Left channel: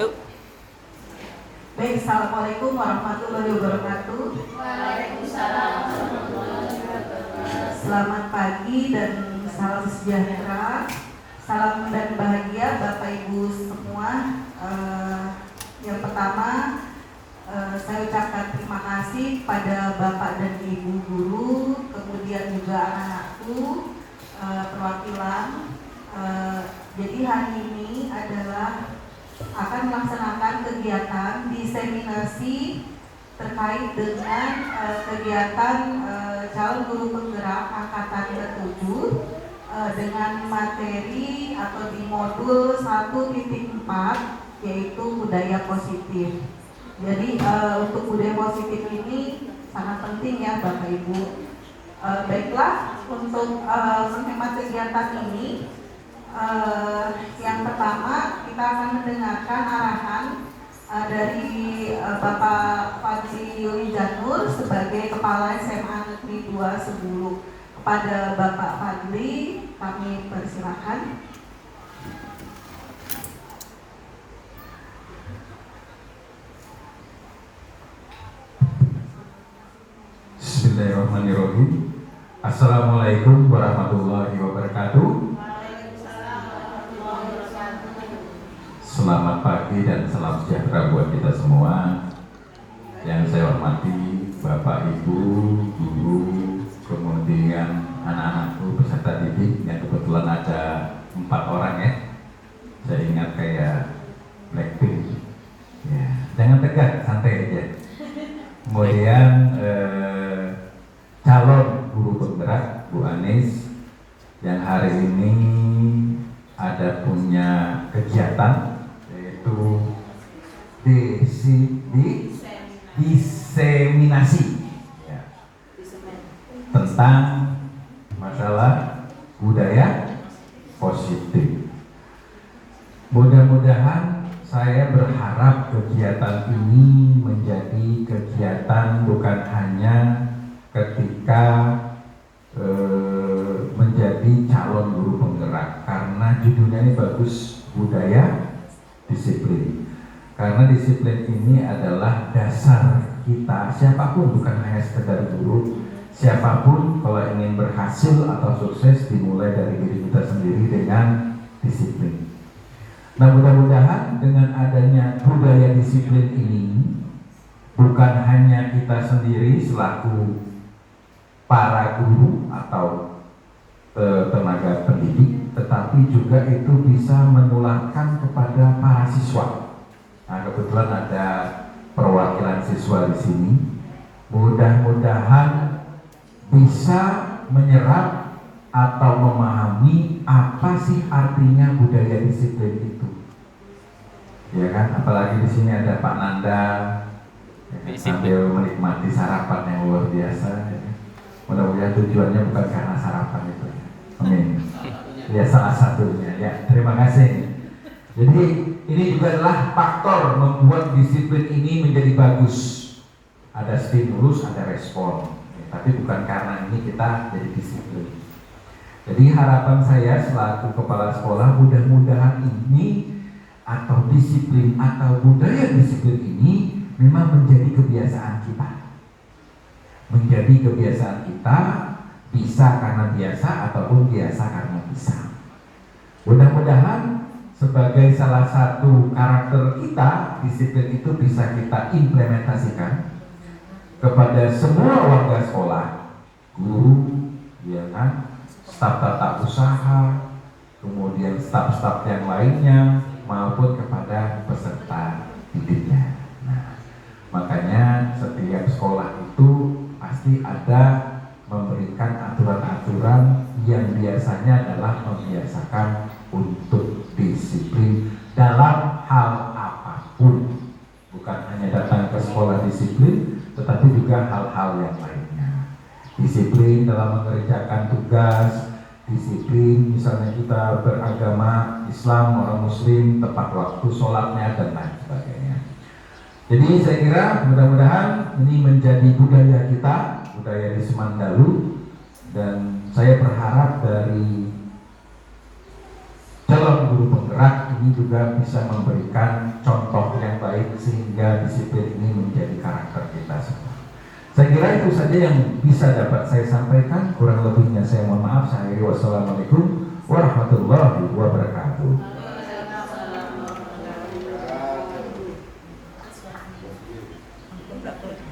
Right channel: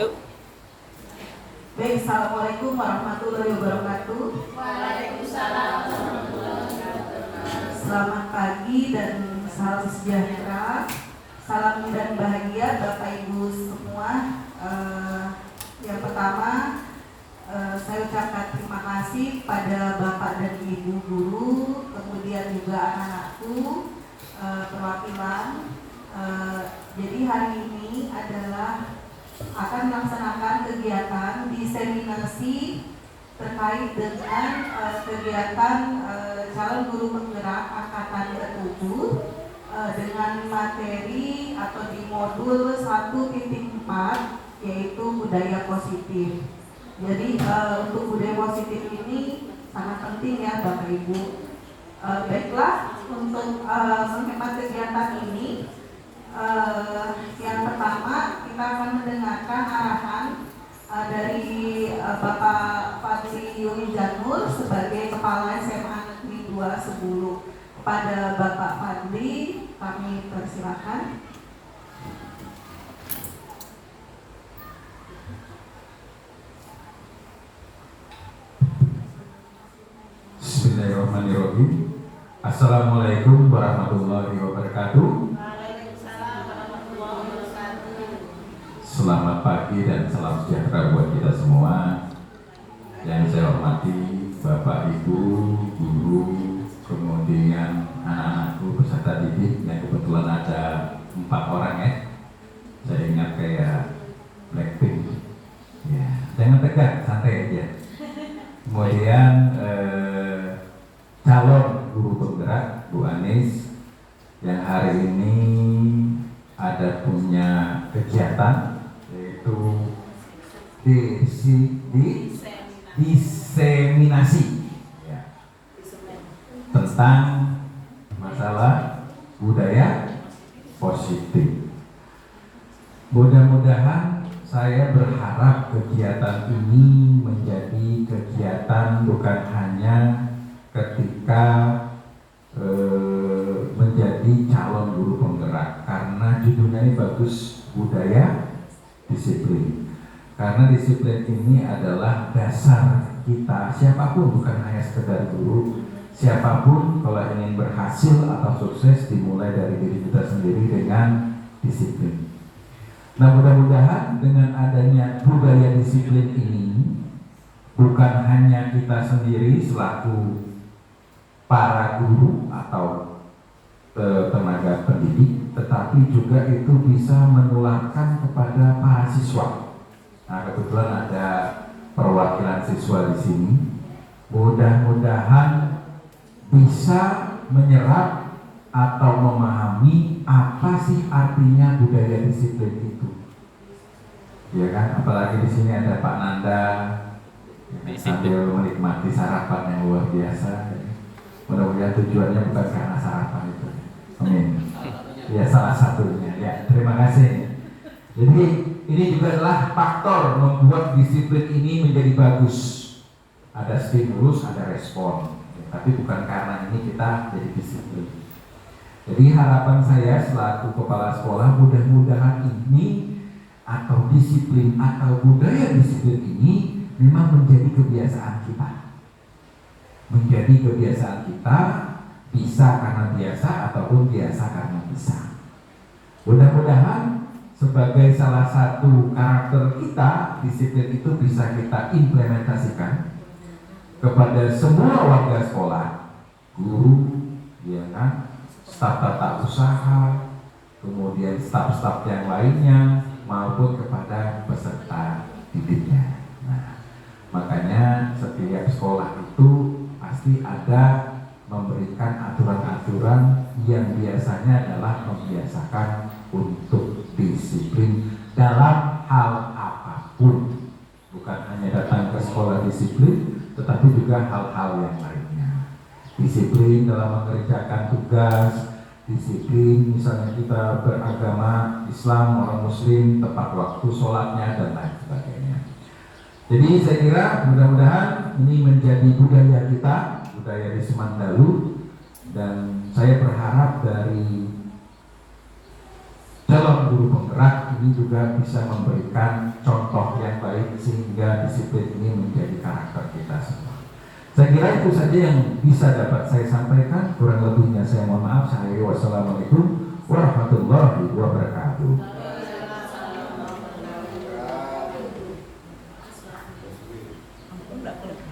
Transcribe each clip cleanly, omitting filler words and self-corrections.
Go. Baik, Assalamualaikum warahmatullahi wabarakatuh. Waalaikumsalam warahmatullahi wabarakatuh. Selamat pagi dan salam sejahtera, salam dan bahagia Bapak Ibu semua. Yang pertama, saya ucapkan terima kasih pada Bapak dan Ibu guru, kemudian juga anak-anakku, perwakilan. Jadi hari ini adalah akan melaksanakan kegiatan diseminasi terkait dengan kegiatan calon guru penggerak angkatan ke-7 dengan materi atau di modul 1.4 yaitu budaya positif. Jadi untuk budaya positif ini sangat penting ya Bapak Ibu. Baiklah, untuk menghemat kegiatan ini, yang pertama kita akan mendengarkan arahan dari Bapak Fadli Yuli Janur sebagai Kepala SMA Negeri 2 Sebulu. Kepada Bapak Fadli kami persilakan. Bismillahirrahmanirrahim. Assalamualaikum warahmatullahi wabarakatuh. Selamat pagi dan salam sejahtera buat kita semua. Yang saya hormati Bapak Ibu, guru, kemudian anak-anakku peserta didik yang kebetulan ada 4 orang ya. Saya ingat kayak Blackpink. Ya, jangan tegang, santai aja. Kemudian calon guru penggerak Bu Anis yang hari ini ada punya kegiatan yaitu diseminasi ya, tentang masalah budaya positif. Mudah-mudahan saya berharap kegiatan ini menjadi kegiatan bukan hanya ketika menjadi calon guru penggerak, karena judulnya ini bagus, budaya disiplin. Karena disiplin ini adalah dasar kita, siapapun, bukan hanya sekedar guru, siapapun kalau ingin berhasil atau sukses dimulai dari diri kita sendiri dengan disiplin. Nah, mudah-mudahan dengan adanya budaya disiplin ini bukan hanya kita sendiri selaku para guru atau tenaga pendidik, tetapi juga itu bisa menularkan kepada para siswa. Nah, kebetulan ada perwakilan siswa di sini. Mudah-mudahan bisa menyerap atau memahami apa sih artinya budaya disiplin itu. Ya kan, apalagi di sini ada Pak Nanda ya, sambil menikmati sarapan yang luar biasa. Ya. Mudah-mudahan tujuannya bukan karena sarapan itu. Amin. Ya, salah satunya. Ya, terima kasih. Jadi ini juga adalah faktor membuat disiplin ini menjadi bagus. Ada stimulus, ada respon. Ya, tapi bukan karena ini kita jadi disiplin. Jadi harapan saya selaku kepala sekolah, mudah-mudahan ini atau disiplin atau budaya disiplin ini memang menjadi kebiasaan kita. Menjadi kebiasaan kita, bisa karena biasa ataupun biasa karena bisa. Mudah-mudahan sebagai salah satu karakter kita, disiplin itu bisa kita implementasikan kepada semua warga sekolah, guru, ya kan, staf tata usaha, kemudian staf-staf yang lainnya, maupun kepada peserta didiknya. Nah, makanya setiap sekolah itu pasti ada memberikan aturan-aturan yang biasanya adalah membiasakan untuk disiplin dalam hal apapun. Bukan hanya datang ke sekolah disiplin, tetapi juga hal-hal yang lainnya. Disiplin dalam mengerjakan tugas, disiplin misalnya kita beragama Islam, orang Muslim, tepat waktu sholatnya, dan lain sebagainya. Jadi saya kira mudah-mudahan ini menjadi budaya kita, budaya di Semandalu, dan saya berharap dari calon guru penggerak ini juga bisa memberikan contoh sehingga disiplin ini menjadi karakter kita semua. Saya kira itu saja yang bisa dapat saya sampaikan. Kurang lebihnya saya mohon maaf. Saya akhiri. Wassalamualaikum warahmatullahi wabarakatuh.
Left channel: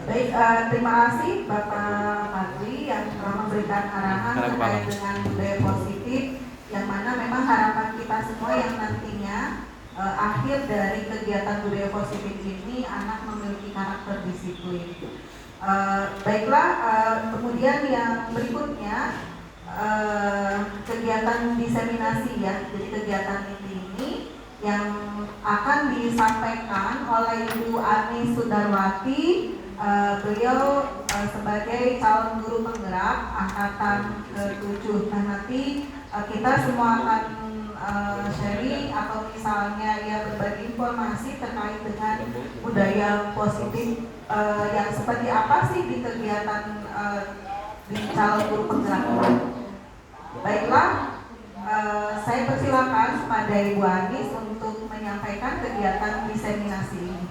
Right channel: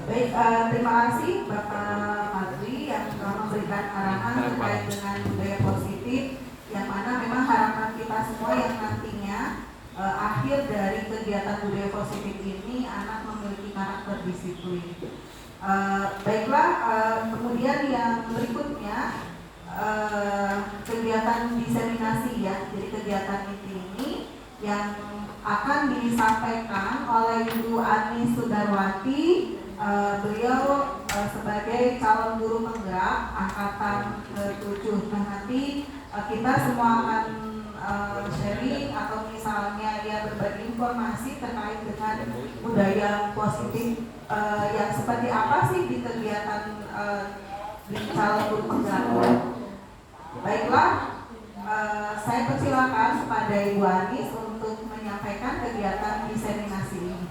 Baik, terima kasih Bapak Fadli yang telah memberikan arahan terkait dengan budaya positif, yang mana memang harapan kita semua yang nantinya akhir dari kegiatan budaya positif ini anak memiliki karakter disiplin. Baiklah, kemudian yang berikutnya kegiatan diseminasi ya. Jadi kegiatan ini yang akan disampaikan oleh Ibu Ani Sudarwati. Beliau sebagai calon guru penggerak angkatan ke-7. Nah, nanti kita semua akan sharing atau misalnya ya berbagi informasi terkait dengan budaya positif yang seperti apa sih di kegiatan di calon guru penggerak. Baiklah, saya persilakan kepada Ibu Anis untuk menyampaikan kegiatan diseminasi ini.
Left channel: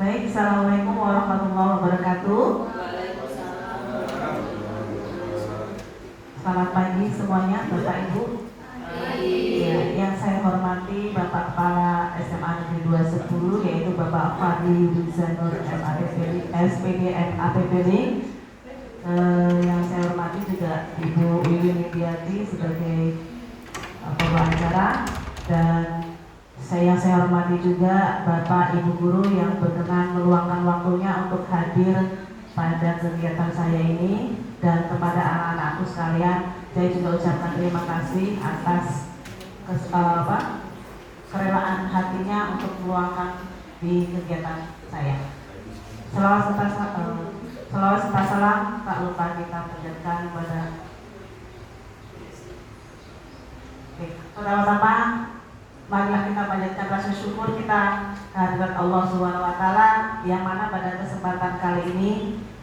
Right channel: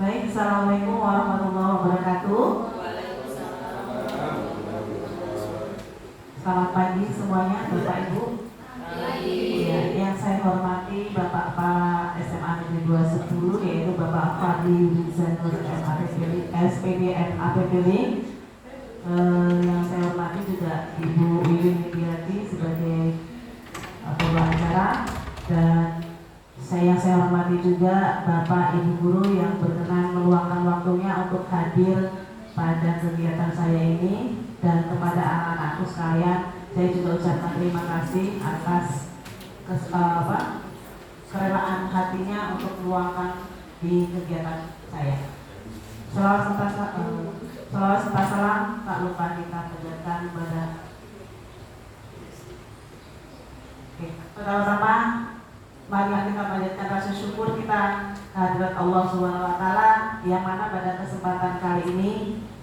Baik, Assalamualaikum warahmatullahi wabarakatuh. Selamat pagi semuanya, Bapak Ibu. Ya, yang saya hormati Bapak Kepala SMA Negeri 210, yaitu Bapak Fadli Yudhizanur SPDN APPB. Yang saya hormati juga Ibu Wiwin Widiati sebagai pembicara, dan yang saya hormati juga Bapak Ibu Guru yang berkenan meluangkan waktunya untuk hadir pada kegiatan saya ini, dan kepada anak-anakku sekalian saya juga ucapkan terima kasih atas kerelaan hatinya untuk meluangkan di kegiatan saya. Selawat serta salam tak lupa kita panjatkan kepada pertama-tama marilah kita panjatkan rasa syukur kita kehadirat Allah SWT, yang mana pada kesempatan kali ini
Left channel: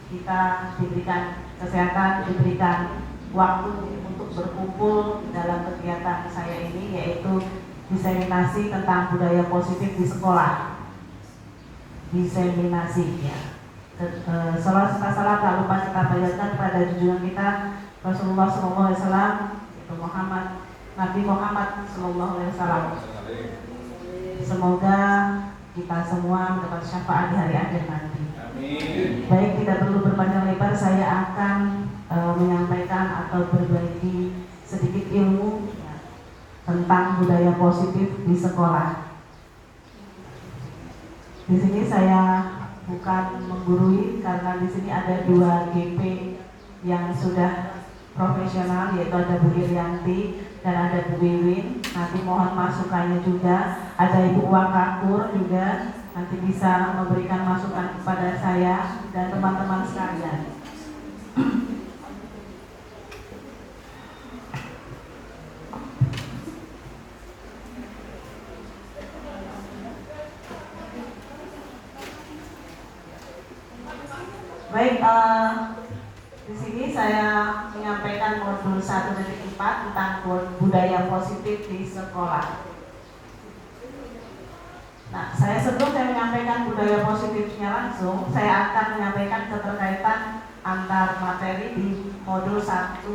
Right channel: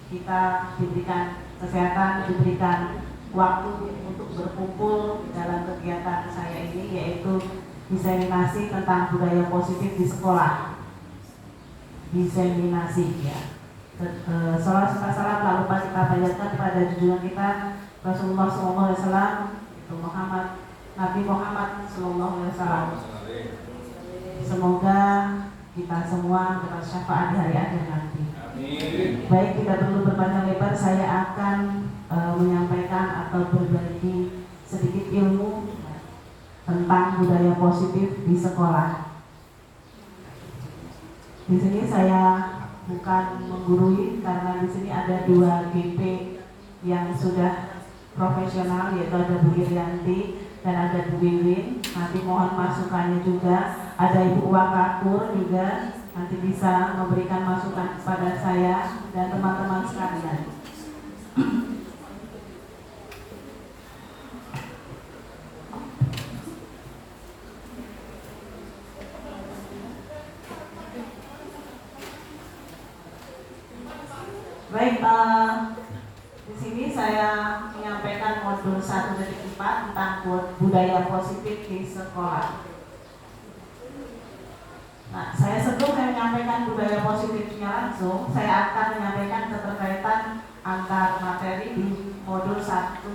kita diberikan kesehatan, diberikan waktu untuk berkumpul dalam kegiatan saya ini, yaitu diseminasi tentang budaya positif di sekolah. Diseminasi ya. Salam serta salam tak lupa kita panjatkan kepada junjungan kita Rasulullah SAW, itu Nabi Muhammad SAW. Semoga kita semua mendapat syafaat di hari akhir nanti. Amin. Baik, tidak perlu berpanjang lebar, saya akan menyampaikan atau berbagi sedikit ilmu tentang budaya positif di sekolah. Di sini saya bukan menggurui, karena di sini ada 2 GP yang sudah profesional, yaitu ada Bu Irianti dan ada Bu Wiwin. Nanti mohon masukannya juga. Ada Ibu Wakakur juga, nanti bisa memberikan masukan kepada saya dan teman-teman sekalian. Baik, di sini saya menyampaikan modul 1.4 tentang budaya positif di sekolah. Nah, sebelum saya menyampaikan budaya positifnya langsung, saya akan menyampaikan keterkaitan antar materi di modul 1.4,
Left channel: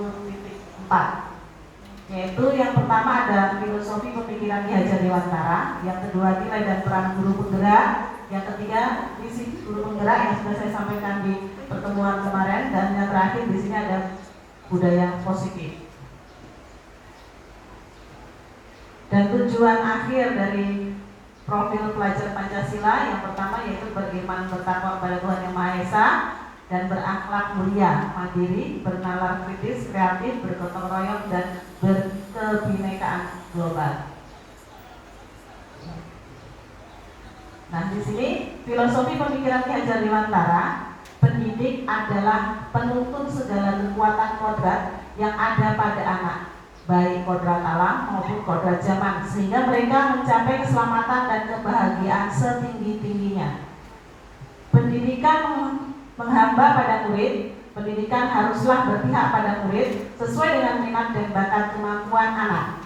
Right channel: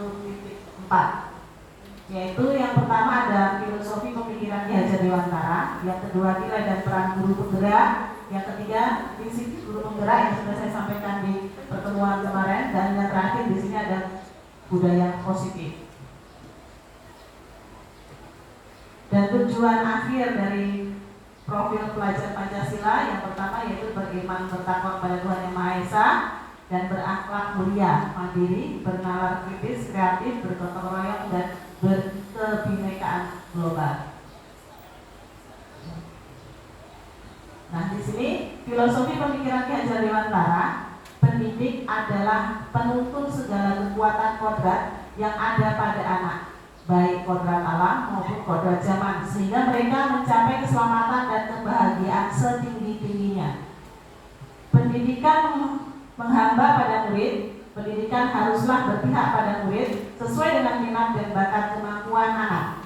yaitu yang pertama ada filosofi pemikiran Ki Hajar Dewantara, yang kedua nilai dan peran guru penggerak, yang ketiga visi guru penggerak yang sudah saya sampaikan di pertemuan kemarin, dan yang terakhir di sini ada budaya positif. Dan tujuan akhir dari profil pelajar Pancasila yang pertama yaitu beriman, bertakwa kepada Tuhan Yang Maha Esa, dan berakhlak mulia, mandiri, bernalar kritis, kreatif, bergotong royong, dan berkebinekaan global. Nah, di sini filosofi pemikiran Ki Hajar Dewantara, pendidik adalah penuntun segala kekuatan kodrat yang ada pada anak, baik kodrat alam maupun kodrat zaman, sehingga mereka mencapai keselamatan dan kebahagiaan setinggi-tingginya. Pendidikan menghamba pada murid Pendidikan haruslah berpihak pada murid sesuai dengan minat dan bakat kemampuan anak.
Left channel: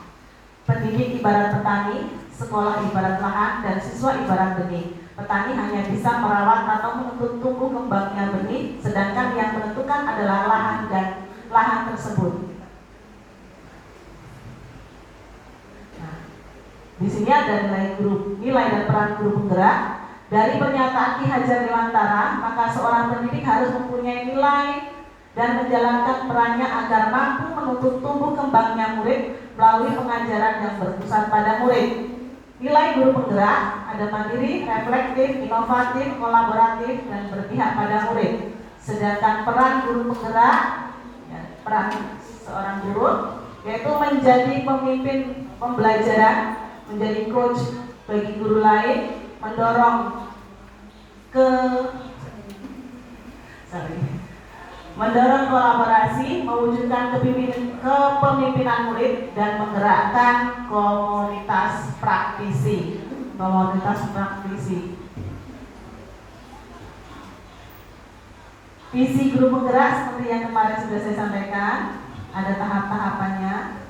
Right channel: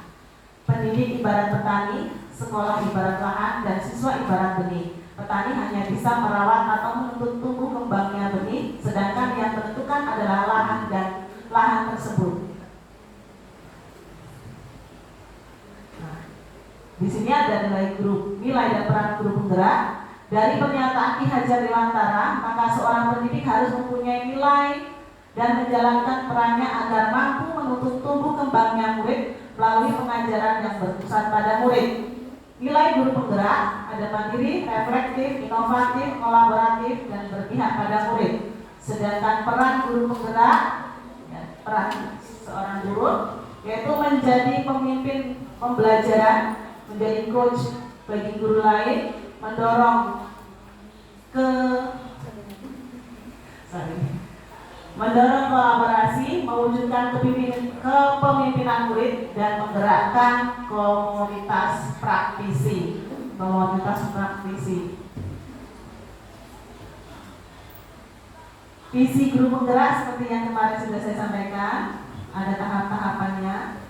Pendidik ibarat petani, sekolah ibarat lahan, dan siswa ibarat benih. Petani hanya bisa merawat atau menuntut tumbuh kembangnya benih, sedangkan yang menentukan adalah lahan dan lahan tersebut. Nah, di sini ada nilai dan peran guru penggerak. Dari pernyataan Ki Hajar Dewantara, maka seorang pendidik harus mempunyai nilai dan menjalankan perannya agar mampu menuntut tumbuh kembangnya murid melalui pengajaran yang berpusat pada murid. Nilai guru penggerak ada mandiri, reflektif, inovatif, kolaboratif, dan berpihak pada murid. Sedangkan peran guru penggerak, peran seorang guru, yaitu menjadi pemimpin pembelajaran, menjadi coach bagi guru lain, mendorong kolaborasi, mewujudkan kepemimpinan murid, dan menggerakkan komunitas praktisi. Visi guru penggerak seperti yang kemarin sudah saya sampaikan, ada tahap-tahapannya.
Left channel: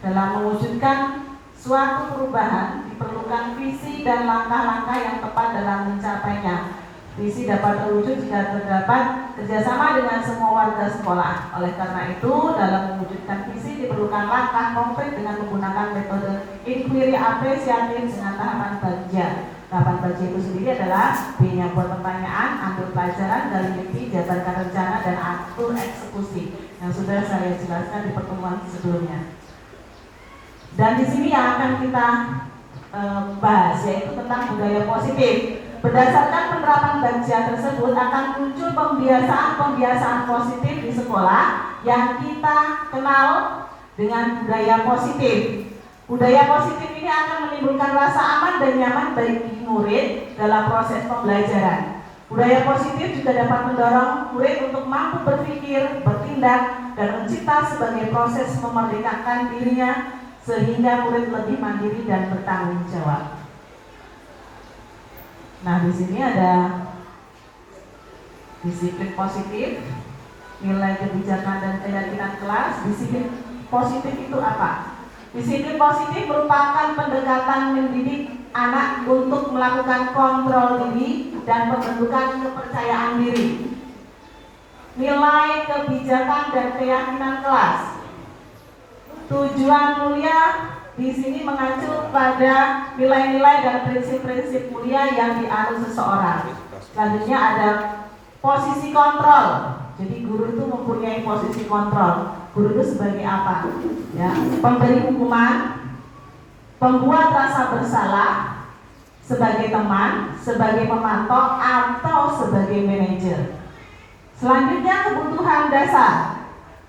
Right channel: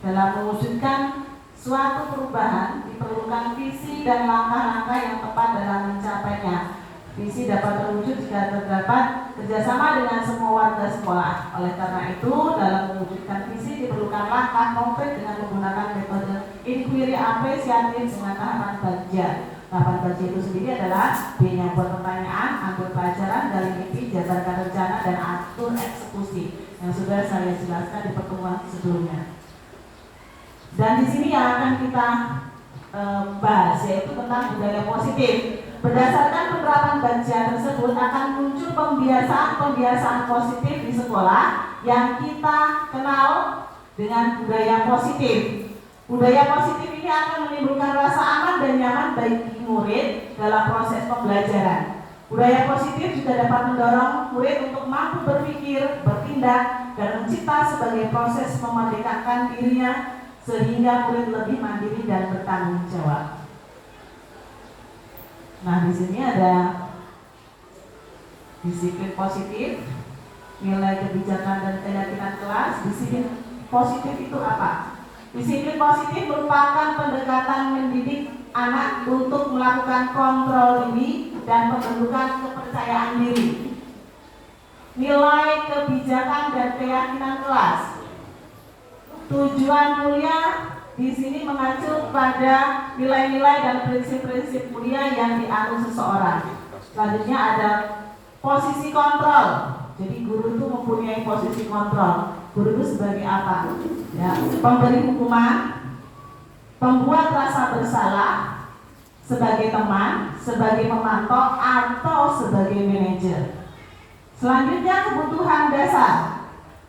Dalam mewujudkan suatu perubahan diperlukan visi dan langkah-langkah yang tepat dalam mencapainya. Visi dapat terwujud jika terdapat kerjasama dengan semua warga sekolah. Oleh karena itu, dalam mewujudkan visi diperlukan langkah konkret dengan menggunakan metode inquiry apresiatif dengan tahapan bagian. Tahapan bagian itu sendiri adalah B-nya buat pertanyaan, ambil pelajaran, gali mimpi, jabarkan rencana, dan atur eksekusi yang sudah saya jelaskan di pertemuan sebelumnya. Dan di sini yang akan kita bahas yaitu tentang budaya positif. Berdasarkan penerapan bagian tersebut akan muncul pembiasaan positif di sekolah yang kita kenal dengan budaya positif. Budaya positif ini akan menimbulkan rasa aman dan nyaman bagi murid dalam proses pembelajaran. Budaya positif juga dapat mendorong murid untuk mampu berpikir, bertindak, dan mencipta sebagai proses memerdekakan dirinya sehingga murid lebih mandiri dan bertanggung jawab. Nah, di sini ada disiplin positif, nilai kebijakan dan keyakinan kelas. Disiplin positif itu apa? Disiplin positif merupakan pendekatan mendidik anak untuk melakukan kontrol diri dan pembentukan kepercayaan diri. Nilai kebijakan dan keyakinan kelas. Tujuan mulia di sini mengacu pada nilai-nilai dan prinsip-prinsip mulia yang dianut seseorang. Selanjutnya ada posisi kontrol. Jadi guru itu mempunyai posisi kontrol. Guru itu sebagai apa? Ya, pemberi hukuman, pembuat rasa bersalah, sebagai teman, sebagai pemantau, atau sebagai manajer. Selanjutnya kebutuhan dasar.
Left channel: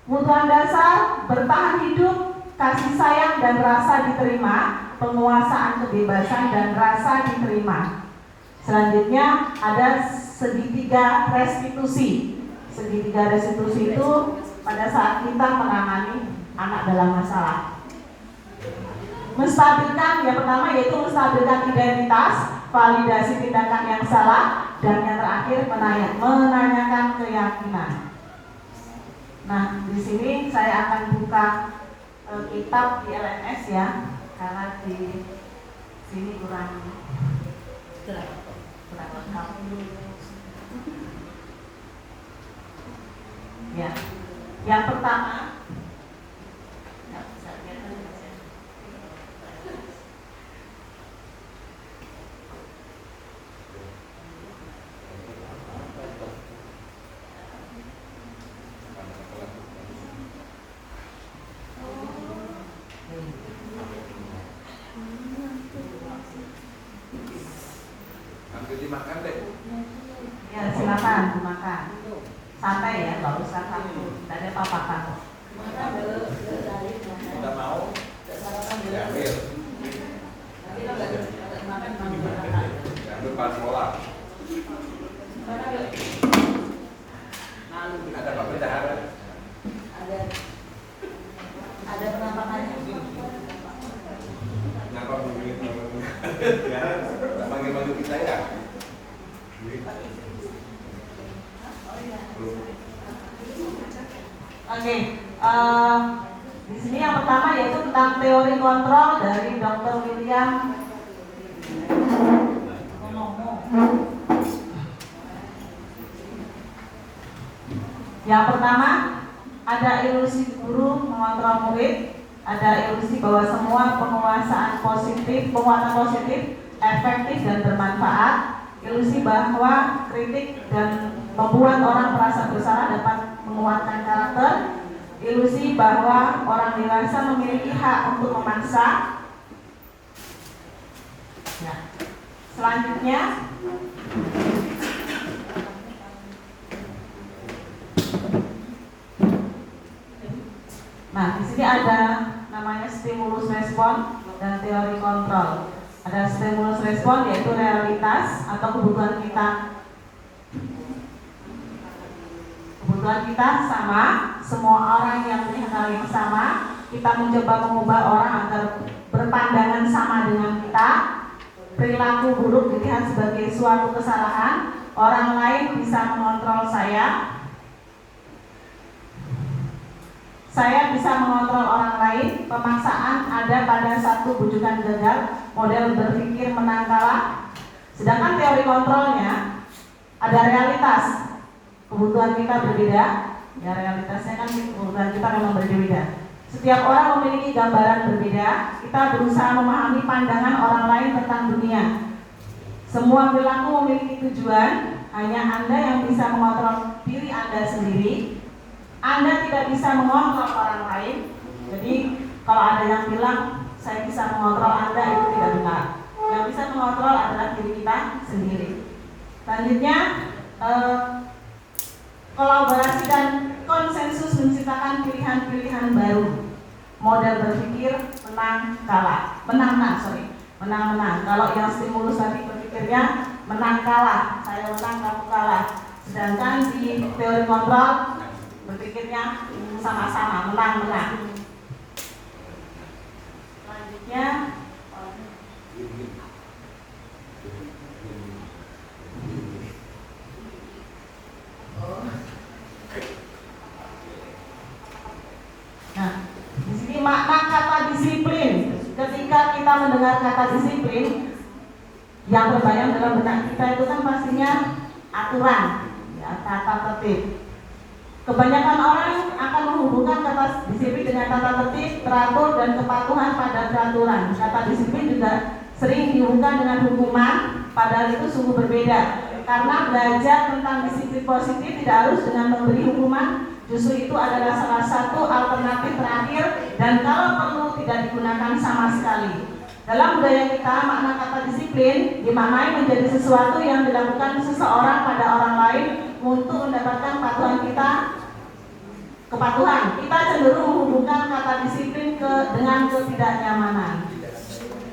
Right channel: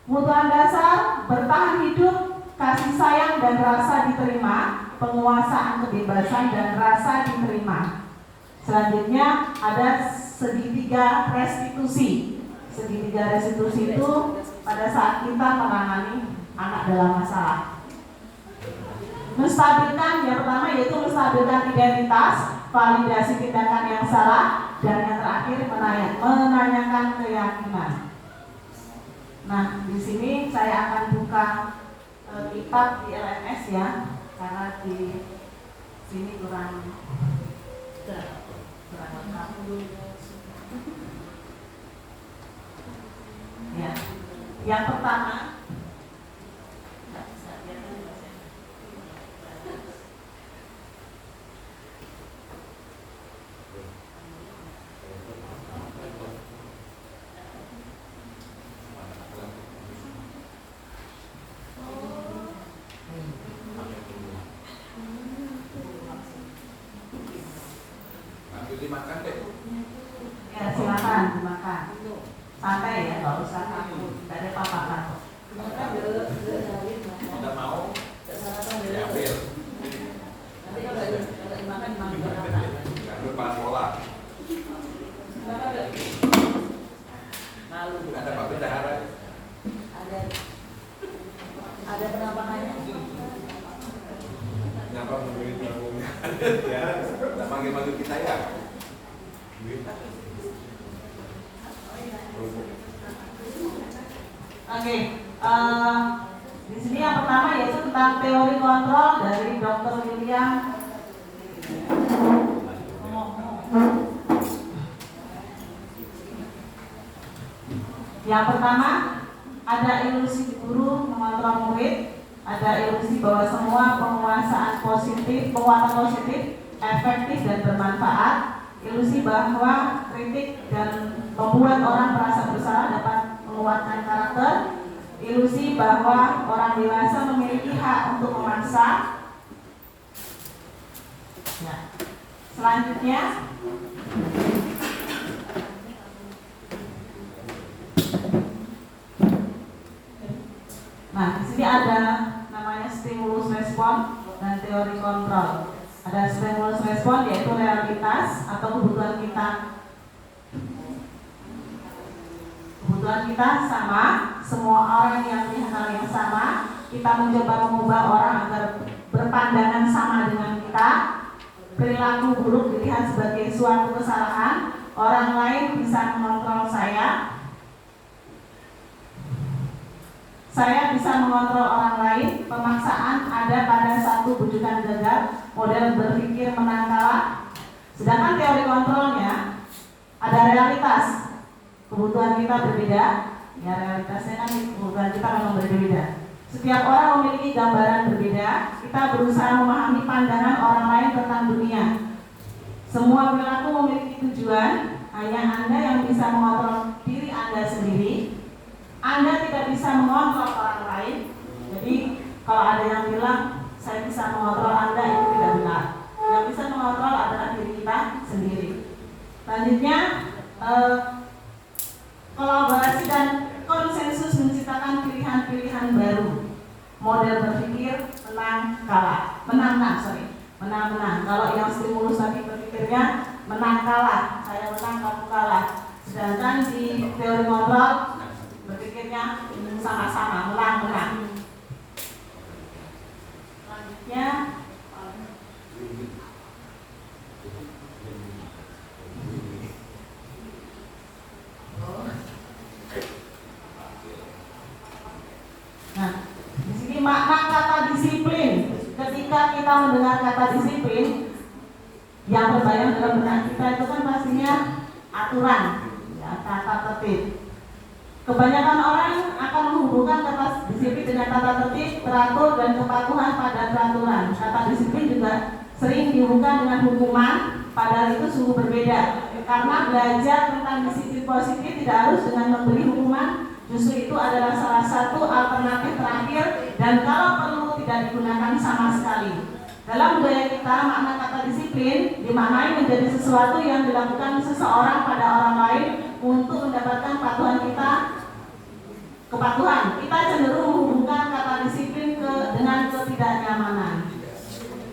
Kebutuhan dasar bertahan hidup, kasih sayang dan rasa diterima, penguasaan kebebasan dan rasa diterima. Selanjutnya ada segitiga restitusi. Segitiga restitusi itu pada saat kita menangani anak dalam masalah. Menstabilkan, yang pertama yaitu menstabilkan identitas, validasi tindakan yang salah, dan yang terakhir menanyakan keyakinan. Nah, di sini saya akan buka kitab di LMS ya, karena di sini kurang lengkap. Ya, yang pertama, dimakan deh. ya silakan dimakan. Santai ya, nggak usah takut, tidak ada apa-apa. Udah mau? Diambil. Diambil pas bola. Ada Pak Bendahara? Ada penampakannya. Nyapa begitu? Ya, panggil-panggil kita ya. Oke, di sini yang pertama yaitu tentang teori kontrol dari Dr. William. Yang pertama ada ilusi guru mengontrol murid, ada ilusi bahwa semua penguasaan penguatan positif, efektif dan bermanfaat, ilusi bahwa kritik dan membuat orang merasa bersalah dapat menguatkan karakter, ilusi bahwa orang dewasa memiliki hak untuk memaksa. Ya. Selanjutnya nah, di sini ada namanya stimulus respon dan teori kontrol. Ada stimulus respon yaitu realitas atau kebutuhan kita. Kebutuhan kita sama, semua orang yang punya hal yang sama. Kita mencoba mengubah orang agar berpandangan sama dengan kita. Perilaku buruk dilihat sebagai suatu kesalahan. Orang lain bisa mengontrol saya. Saya bisa mengontrol orang lain. Pemaksaan ada pada satu bujukan gagal, model berpikir menang kalah. Sedangkan teori kontrolnya ada realitas. Kebutuhan kita berbeda. Ya, realitasnya kan kebutuhan kita memang berbeda. Setiap orang memiliki gambaran berbeda. Kita berusaha memahami pandangan orang lain tentang dunia. Semua perilaku memiliki tujuan. Hanya Anda yang bisa mengontrol diri Anda sendiri. Anda tidak bisa mengontrol orang lain. Jadi kalau ada yang bilang saya bisa mengontrol Anda, itu tidak benar. Yang bisa mengontrol adalah diri kita sendiri. Selanjutnya kolaborasi dan konsensus menciptakan pilihan-pilihan baru. Model berpikir menang. Kalau yang stimulus tadi berpikirnya menang kalah, saya menang kamu kalah. Sedangkan di teori kontrol berpikirnya sama-sama menang. Selanjutnya nah, di sini makna kata disiplin. Ketika kita mendengar kata disiplin, yang terbayang dalam benak kita itu kan pastinya aturan, ya, tata tertib. Kebanyakan orang akan menghubungkan kata disiplin dengan tata tertib, teratur, dan kepatuhan pada peraturan. Kata disiplin juga sering dihubungkan dengan hukuman, padahal itu sungguh berbeda. Karena belajar tentang disiplin positif tidak harus dengan memberi hukuman, justru itu adalah salah satu alternatif terakhir dan kalau perlu tidak digunakan sama sekali. Dalam budaya kita, makna kata disiplin dimaknai menjadi sesuatu yang dilakukan seseorang pada orang lain untuk mendapatkan kepatuhan. Kita cenderung menghubungkan kata disiplin dengan ketidaknyamanan.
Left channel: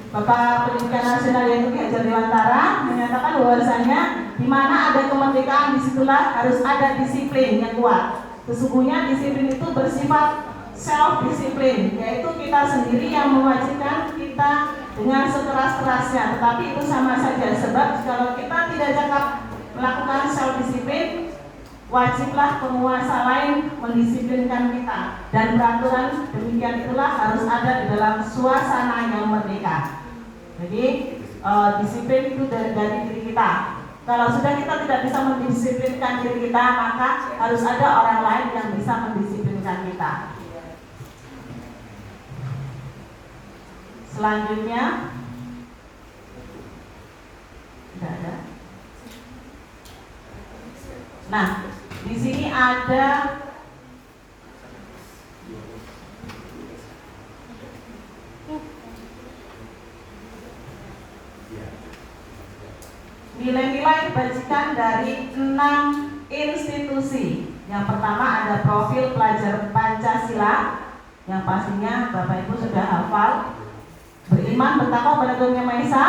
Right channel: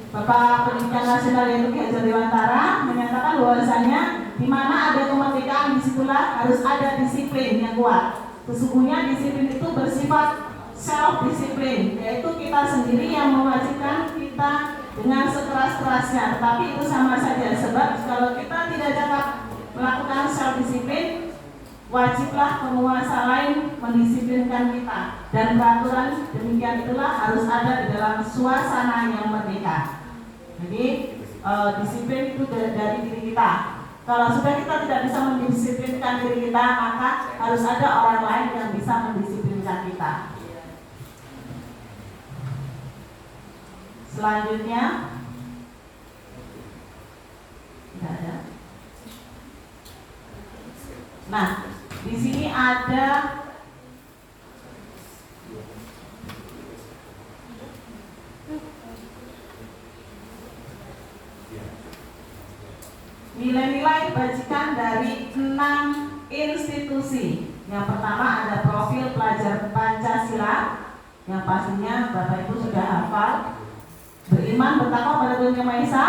Bapak Pendidikan Nasional yaitu Ki Hajar Dewantara menyatakan bahwasanya di mana ada kemerdekaan disitulah harus ada disiplin yang kuat. Sesungguhnya disiplin itu bersifat self disiplin, yaitu kita sendiri yang mewajibkan kita dengan sekeras-kerasnya. Tetapi itu sama saja, sebab kalau kita tidak dapat melakukan self disiplin, wajiblah penguasa lain mendisiplinkan kita. Dan peraturan demikian itulah harus ada di dalam suasana yang merdeka. Jadi disiplin itu dari diri kita. Kalau sudah kita tidak bisa mendisiplinkan diri kita, maka harus ada orang lain yang bisa mendisiplinkan kita. Selanjutnya, tidak ada. Nah, di sini ada nilai-nilai bajikan dari 6 institusi. Yang pertama ada profil pelajar Pancasila, yang pastinya Bapak Ibu sudah hafal. Beriman, bertakwa pada Tuhan Yang Maha Esa,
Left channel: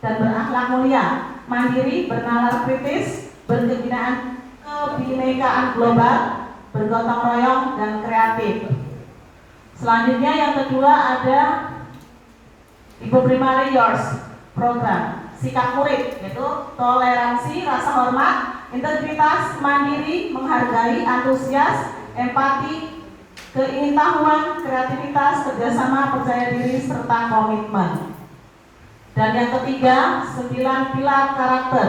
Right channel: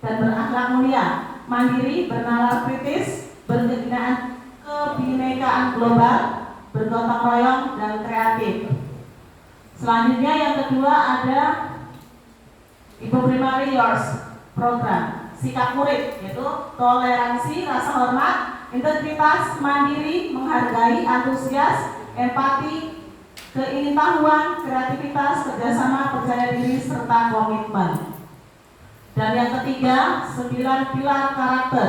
dan berakhlak mulia, mandiri, bernalar kritis, kebinekaan global, bergotong royong, dan kreatif. Selanjutnya yang kedua ada Ibu Primary Yours program sikap murid, yaitu toleransi, rasa hormat, integritas, mandiri, menghargai, antusias, empati, keingintahuan, kreativitas, kerjasama, percaya diri, serta komitmen. Dan yang ketiga, 9 pilar karakter.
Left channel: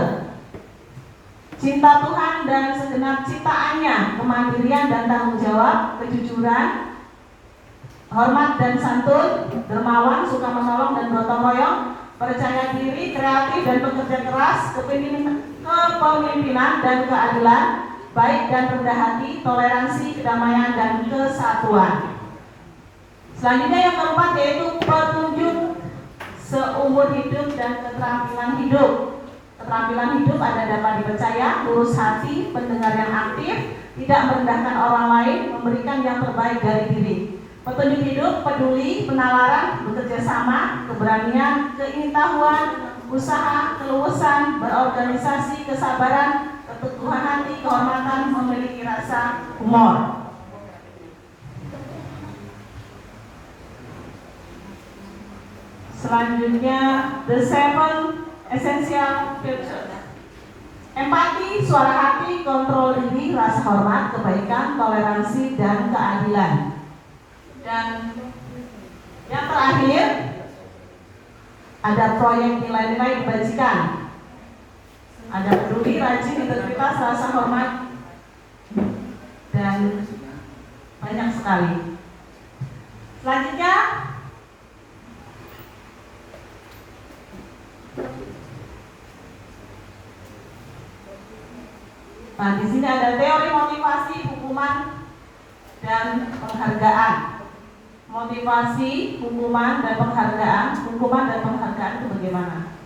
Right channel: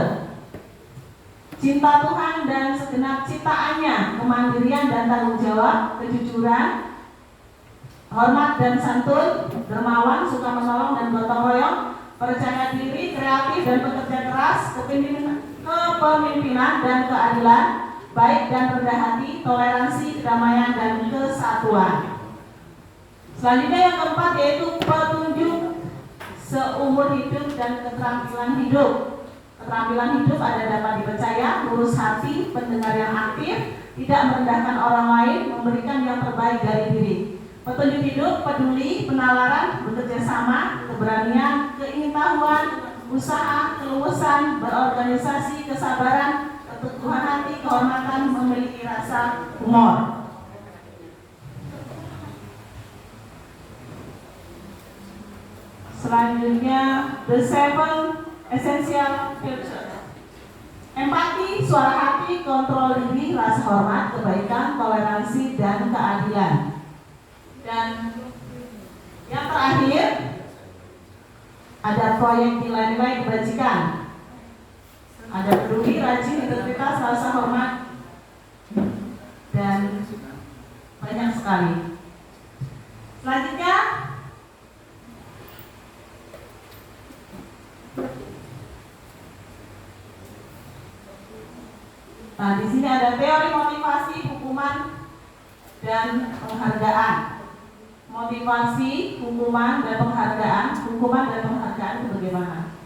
Cinta Tuhan dan segenap ciptaannya, kemandirian dan tanggung jawab, kejujuran, hormat dan santun, dermawan, suka menolong dan gotong royong, percaya diri, kreatif dan bekerja keras, kepemimpinan dan keadilan, baik dan rendah hati, toleransi, kedamaian dan kesatuan. Selanjutnya yang keempat yaitu petunjuk seumur hidup dan keterampilan hidup. Keterampilan hidup ada dapat dipercaya, lurus hati, pendengar yang aktif, tidak merendahkan orang lain, memberikan yang terbaik dari diri. Petunjuk hidup, peduli, penalaran, bekerja sama, keberanian, keingintahuan, usaha, keluasan, berorganisasi, kesabaran, keteguhan hati, kehormatan, memiliki rasa humor. Selanjutnya, the 7 essential virtues. Empati, suara hati, kontrol diri, rasa hormat, kebaikan, toleransi, dan keadilan. Dan yang terakhir, ada proyek nilai-nilai dibajikan. Ada peduli, rajin, integritas, rasa hormat, dan banyak sekali. Selanjutnya, nah di sini ada teori motivasi, hukuman, dan penghargaan. Motivasi, hukuman, dan penghargaan. Hukuman dan penghargaan itu bagaimana?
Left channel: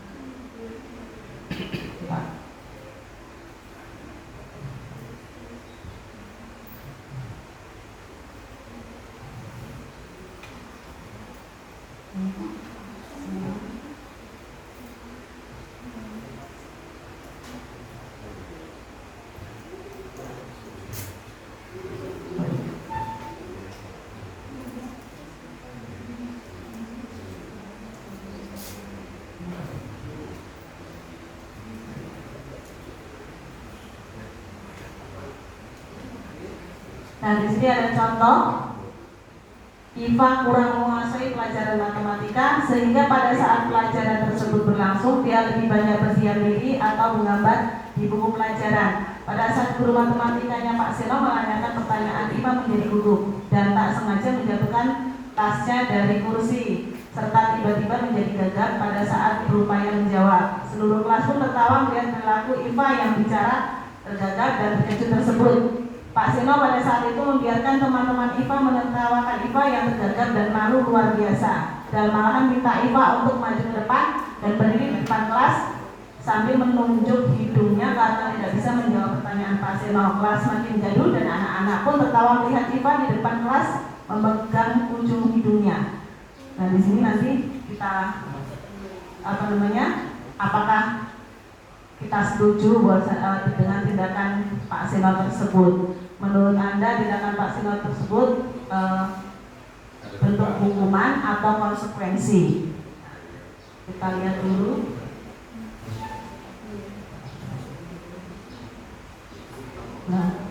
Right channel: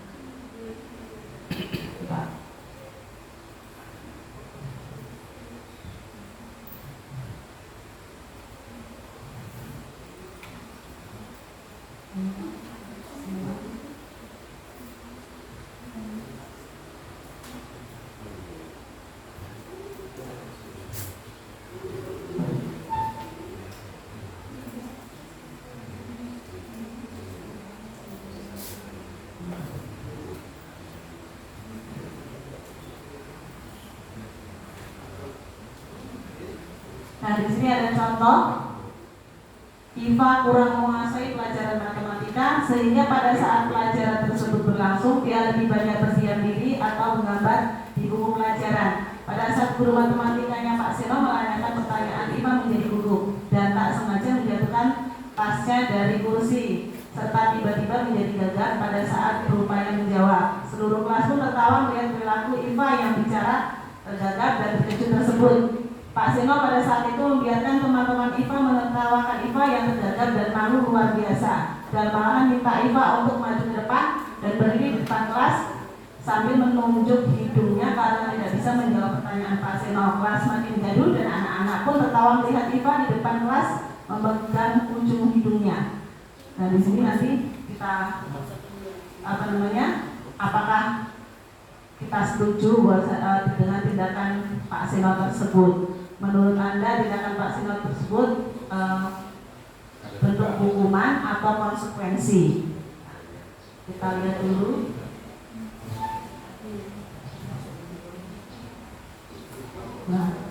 Nah, di sini ada contoh. Iva kurang menguasai pelajaran matematika sehingga pada saat pelajaran tersebut berlangsung dia lebih banyak bersiar diri atau menggambar di buku pelajaran. Pada saat guru matematikanya Pak Seno menanyakan pertanyaan, Iva menjadi gugup dan tak sengaja menjatuhkan tasnya dari kursi serta tiba-tiba menjadi gagap pada saat berupaya menjawab. Seluruh kelas pun tertawa melihat perilaku Iva yang bicara tergagap dan terkejut tersebut. Pak Seno pada saat itu membiarkan teman-teman Iva menertawakan Iva yang tergagap dan malu luar biasa, dan malahan minta Iva untuk maju ke depan dan berdiri di depan kelas sambil menunjuk hidungnya karena tidak bisa menjawab pertanyaan Pak Seno. Kelas makin gaduh dan anak-anak pun tertawa melihat Iva di depan kelas memegang ujung hidungnya. Nah di sini nanti kita apakah kita setuju dengan tindakan Pak Seno tersebut? Menurut Anda tindakan Pak Seno tersebut bentuk hukuman atau konsekuensi? Kita lihat dulu. Nah,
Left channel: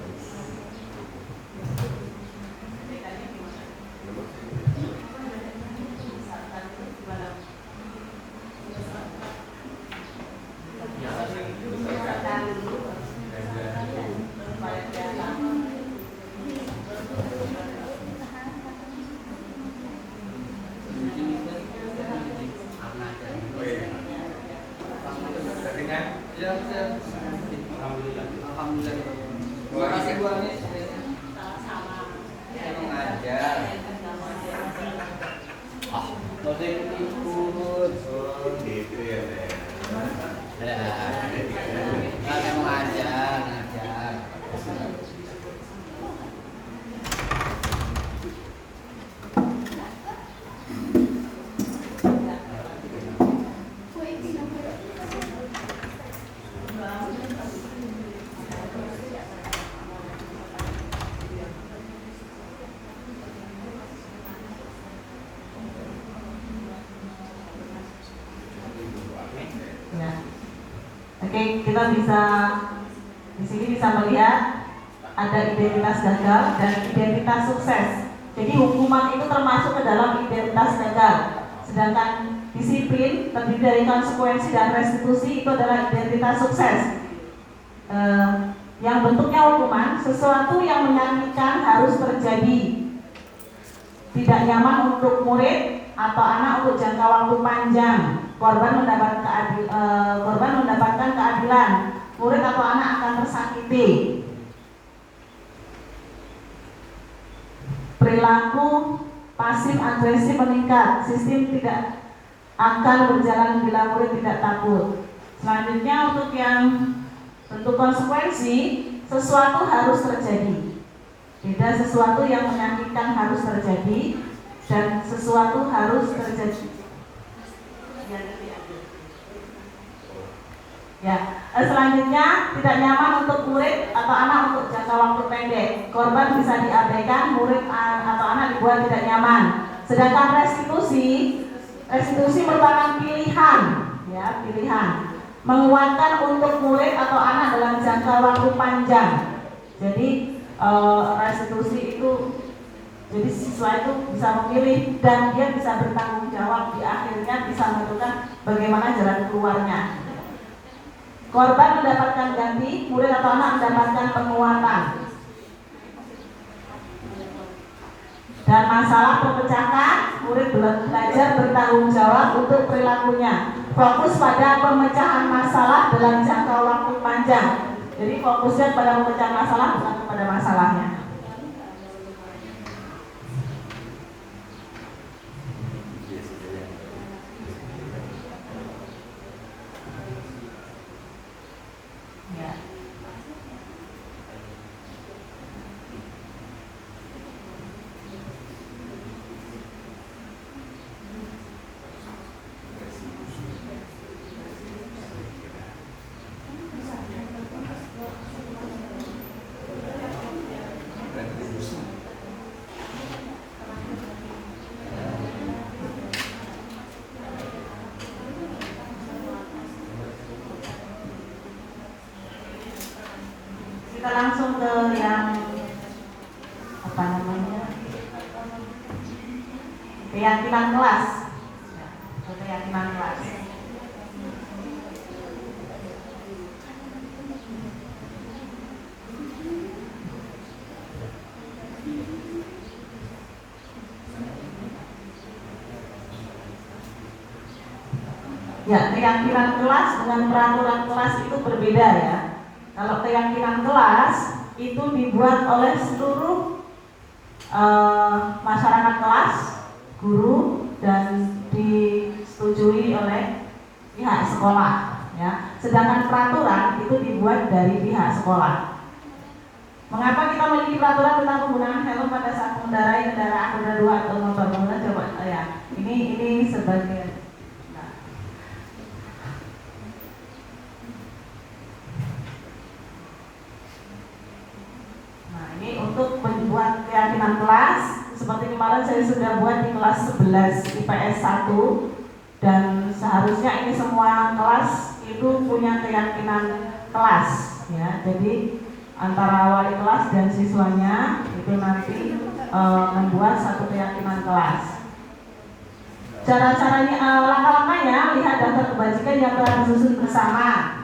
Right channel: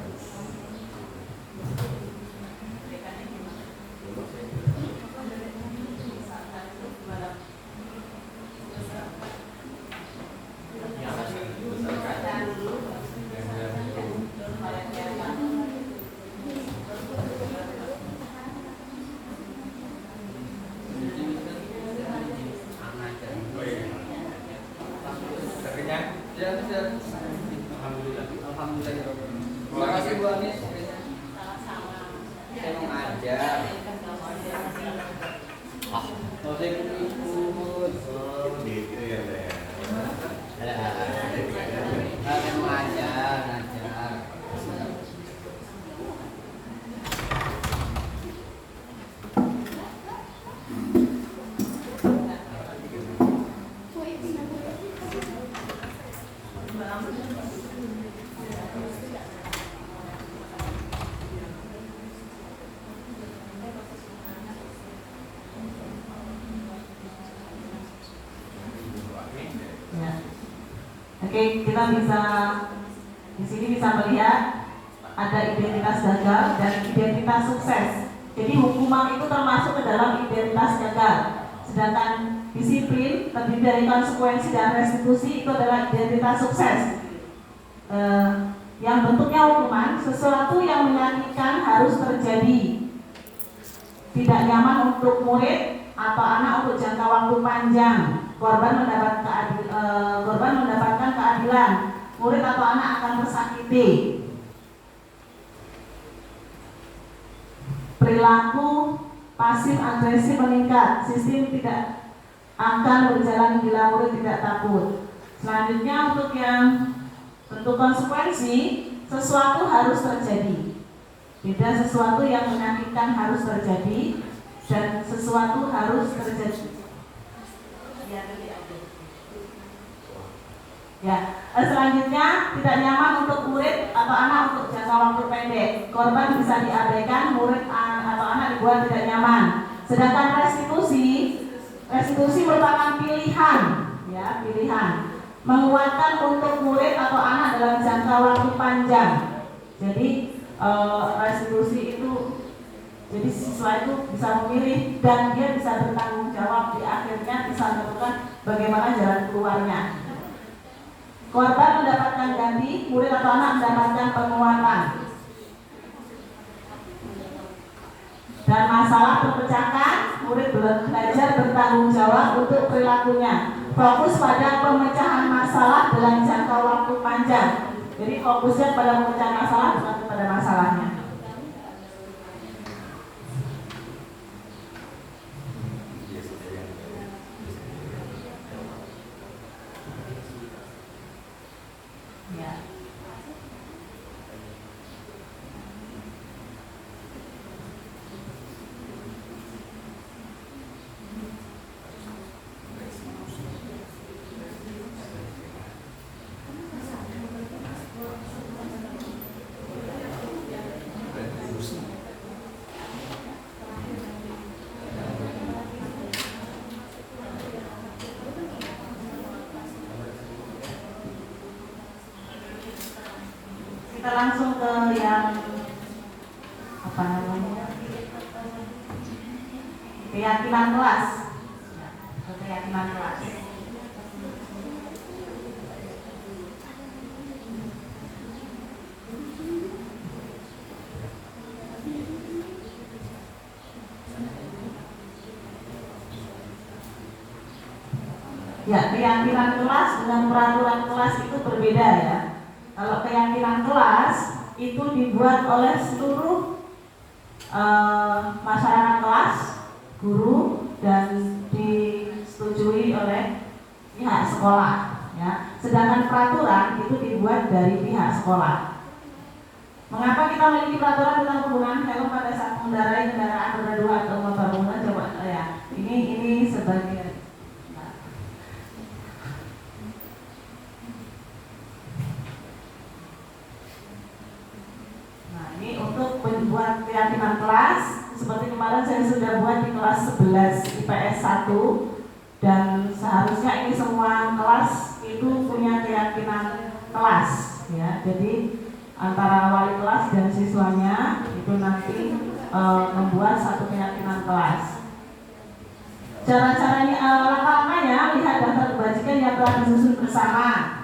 Oke, kita bisa di sini bisa melihat ada identitas gagal dan identitas sukses. Jadi hukuman itu termasuk ke dalam identitas gagal. Sedangkan disiplin terdiri dari konsekuensi dan restitusi itu adalah identitas sukses. Yang bentuknya hukuman, sesuatu yang menyakitkan harus terjadi. Tidak nyaman untuk murid atau anak untuk jangka waktu panjang. Korban mendapatkan keadilan. Murid atau anak akan tersakiti. Perilaku pasif agresif meningkat. Sistem tidak akan berjalan bila murid tidak takut. Selanjutnya untuk yang bentuk konsekuensi, sesuatu harus terjadi. Beda sesuatu yang menyakitkan harus terjadi dan sesuatu harus terjadi. Ya, selanjutnya tidak nyaman untuk murid atau anak untuk jangka waktu pendek. Korban bisa diabaikan, murid atau anak dibuat tidak nyaman. Sedangkan restitusi merupakan pilihan, ya, pilihan. Menguatkan untuk murid atau anak dalam jangka waktu panjang. Jadi restitusi itu, jadi siswa itu bisa memilih dan dia bisa bertanggung jawab di akhirnya, bisa menentukan bagaimana jalan keluarnya. Korban mendapatkan ganti, murid atau anak mendapatkan penguatan. Dan masalah perpecahan, murid belajar bertanggung jawab untuk perilakunya. Fokus pada pemecahan masalah dalam jangka waktu panjang. Jadi fokusnya pada pemecahan masalah, bukan pada masalahnya. Ya. Kita langsung ke yang apa namanya, keyakinan kelas. Keyakinan kelas. Ya, keyakinan kelas dengan peraturan kelas itu berbeda ya. Kalau keyakinan kelas itu dibuat oleh seluruh masyarakat kelas, guru, dan disetujui oleh pihak sekolah. Ya. Sedangkan peraturan itu dibuat dari pihak sekolah. Mengapa kita memiliki peraturan tentang penggunaan helm pada saat mengendarai kendaraan roda 2 atau motor? Coba ya. Ini sebagai untuk membuat keyakinan kelas. Seperti kemarin saya sudah buat di kelas 11 IPS 1, dan seharusnya ini semua kelas itu punya keyakinan kelas ya. Jadi antara wali kelas dan siswanya itu nanti membuat satu keyakinan kelas. Cara-caranya, langkah-langkahnya, lihat daftar kebajikan yang telah disusun bersama.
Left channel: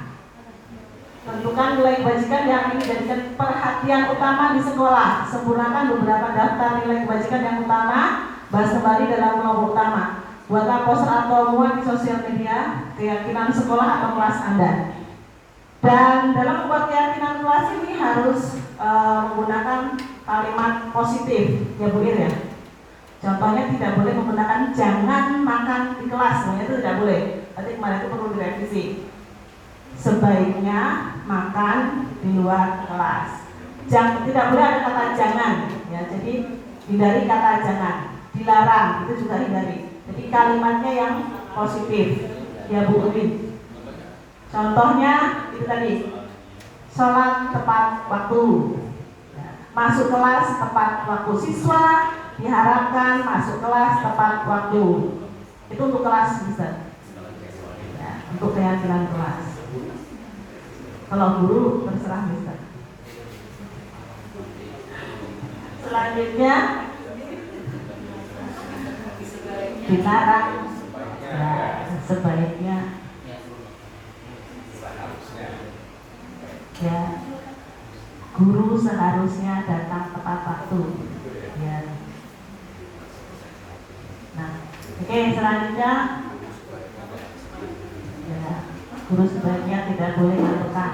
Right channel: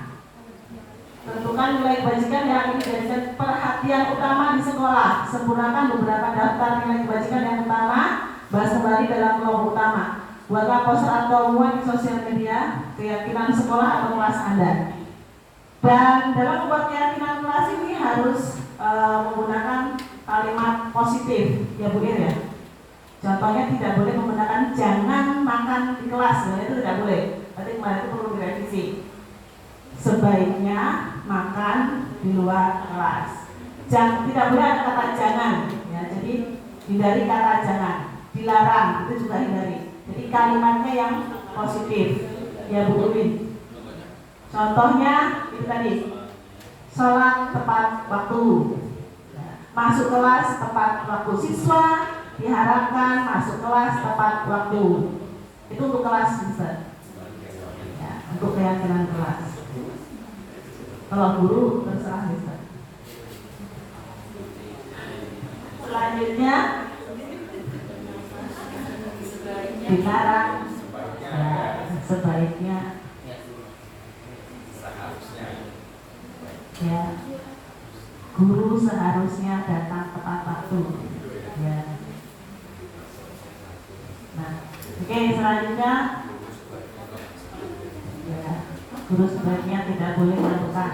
Tentukan nilai kebajikan yang ingin dijadikan perhatian utama di sekolah. Sempurnakan beberapa daftar nilai kebajikan yang utama. Bahas kembali dalam kelompok utama. Buatlah poster atau muat di sosial media keyakinan sekolah atau kelas Anda. Dan dalam membuat keyakinan kelas ini harus menggunakan kalimat positif, ya Bu Ir ya. Contohnya tidak boleh menggunakan jangan makan di kelas, itu tidak boleh. Nanti kemarin itu perlu direvisi. Sebaiknya makan di luar kelas. Tidak boleh ada kata jangan, ya. Jadi hindari kata jangan. Dilarang, itu juga hindari. Jadi kalimatnya yang positif, ya Bu Udin. Contohnya itu tadi, sholat tepat waktu, masuk kelas tepat waktu. Siswa diharapkan masuk kelas tepat waktu. Itu untuk kelas bisa, ya, untuk keyakinan kelas. Kalau guru terserah bisa. Selanjutnya dilarang. Ya, sebaiknya. Ya, guru seharusnya datang tepat waktu. Ya. Nah, oke, selanjutnya ya, guru sebaiknya tidak boleh melakukan.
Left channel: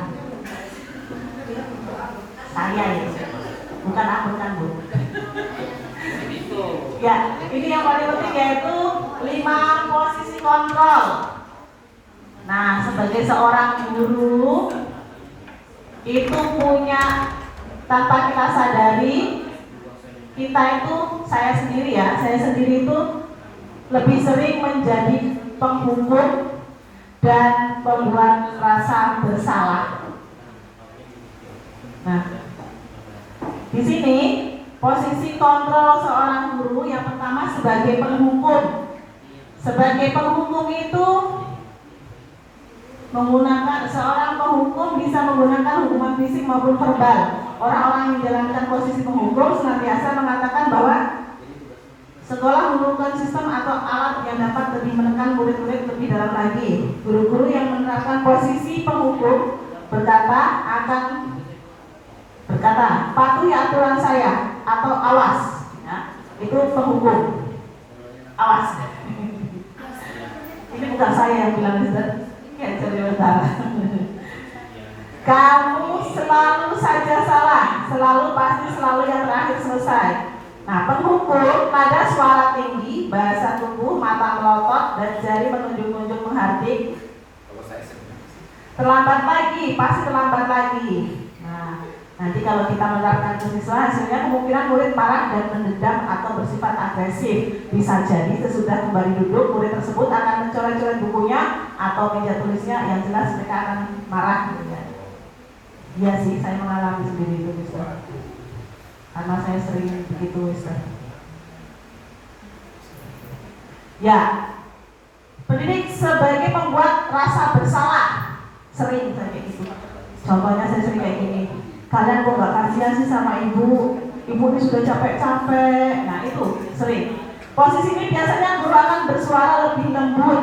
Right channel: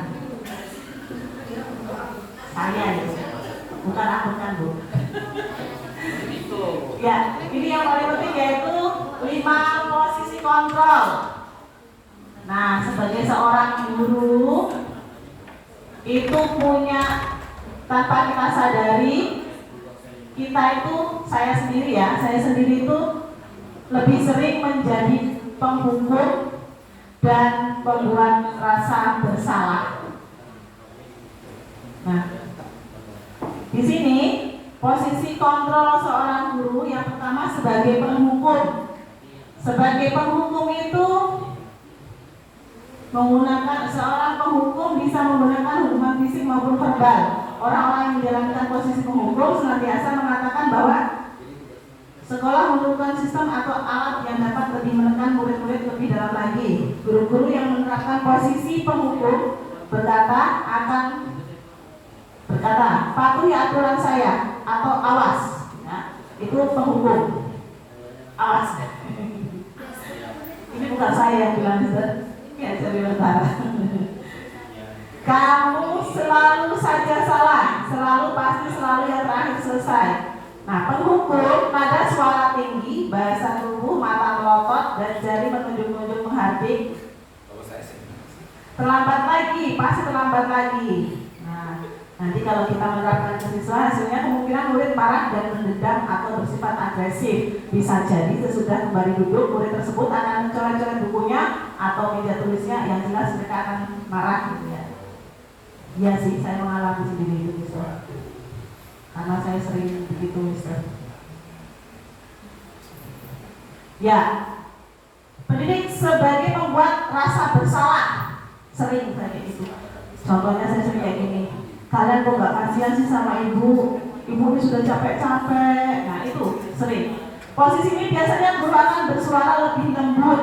Saya itu, bukan aku kan Bu. Ya, ini yang paling penting yaitu 5 posisi kontrol. Nah, sebagai seorang guru itu punya, tanpa kita sadari, kita itu, saya sendiri itu lebih sering menjadi penghukum dan pembuat rasa bersalah. Nah, di sini posisi kontrol seorang guru yang pertama sebagai penghukum. Sebagai penghukum itu seorang penghukum bisa menggunakan hukuman fisik maupun verbal. Orang-orang yang menjalankan posisi penghukum senantiasa mengatakan bahwa sekolah memerlukan sistem atau alat yang dapat lebih menekan murid-murid lebih dalam lagi. Guru-guru yang menerapkan posisi penghukum berkata, patuhi aturan saya atau awas. Ya, itu penghukum. Awas. Ini bukan saya yang bilang, ya, sebentar. Kamu selalu saja salah, pasti selalu yang terakhir selesai. Nah, penghukum pada suara tinggi, bahasa tubuh, mata melotot, dan jari menunjuk-nunjuk menghardik. Terlambat lagi. Nah, nanti kalau kita menerapkan ke siswa, hasilnya kemungkinan murid marah dan mendendam atau bersifat agresif. Bisa jadi sesudah kembali duduk, murid tersebut akan mencoret-coret bukunya atau meja tulisnya, yang jelas mereka akan marah. Iya sih, saya mengalami sendiri itu, Mister. Karena saya sering begitu, Mister. Ya, pendidik sebagai pembuat rasa bersalah, sering saya kayak gitu. Contohnya saya sering kayak gini. Kalian kok gak kasihan sih sama ibu? Ibu ini sudah capek-capek. Nah, itu sering. Posisi ini biasanya guru akan bersuara lebih lembut.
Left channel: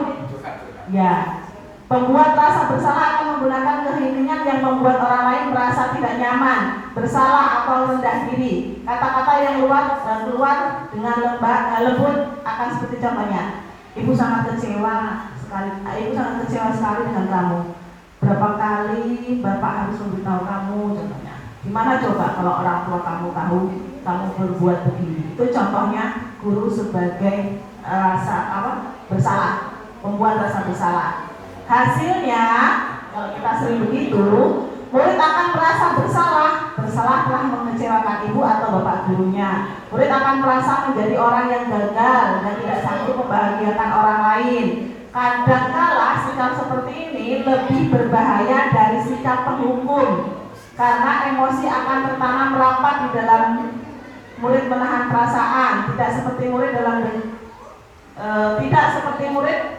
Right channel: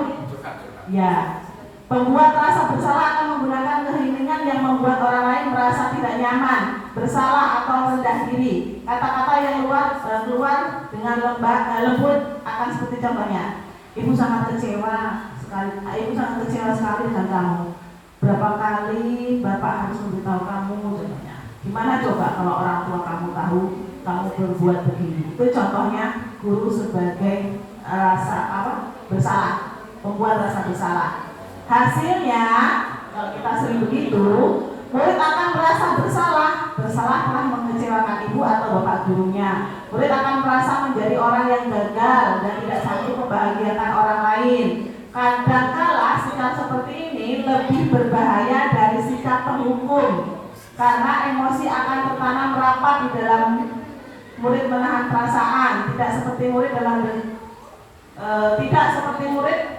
Ya, pembuat rasa bersalah akan menggunakan keheningan yang membuat orang lain merasa tidak nyaman, bersalah atau rendah diri. Kata-kata yang keluar dengan lembut akan seperti contohnya, ibu sangat kecewa sekali dengan kamu. Berapa kali bapak harus memberitahu kamu, contohnya. Gimana coba kalau orang tua kamu tahu kamu berbuat begini? Itu contohnya guru sebagai bersalah, membuat rasa bersalah. Hasilnya, kalau kita sering begitu, murid akan merasa bersalah telah mengecewakan ibu atau bapak gurunya. Murid akan merasa menjadi orang yang gagal dan tidak sanggup membahagiakan orang lain. Kadangkala sikap seperti ini lebih berbahaya dari sikap penghukum, karena emosi akan tertanam rapat di dalam murid menahan perasaan, tidak seperti murid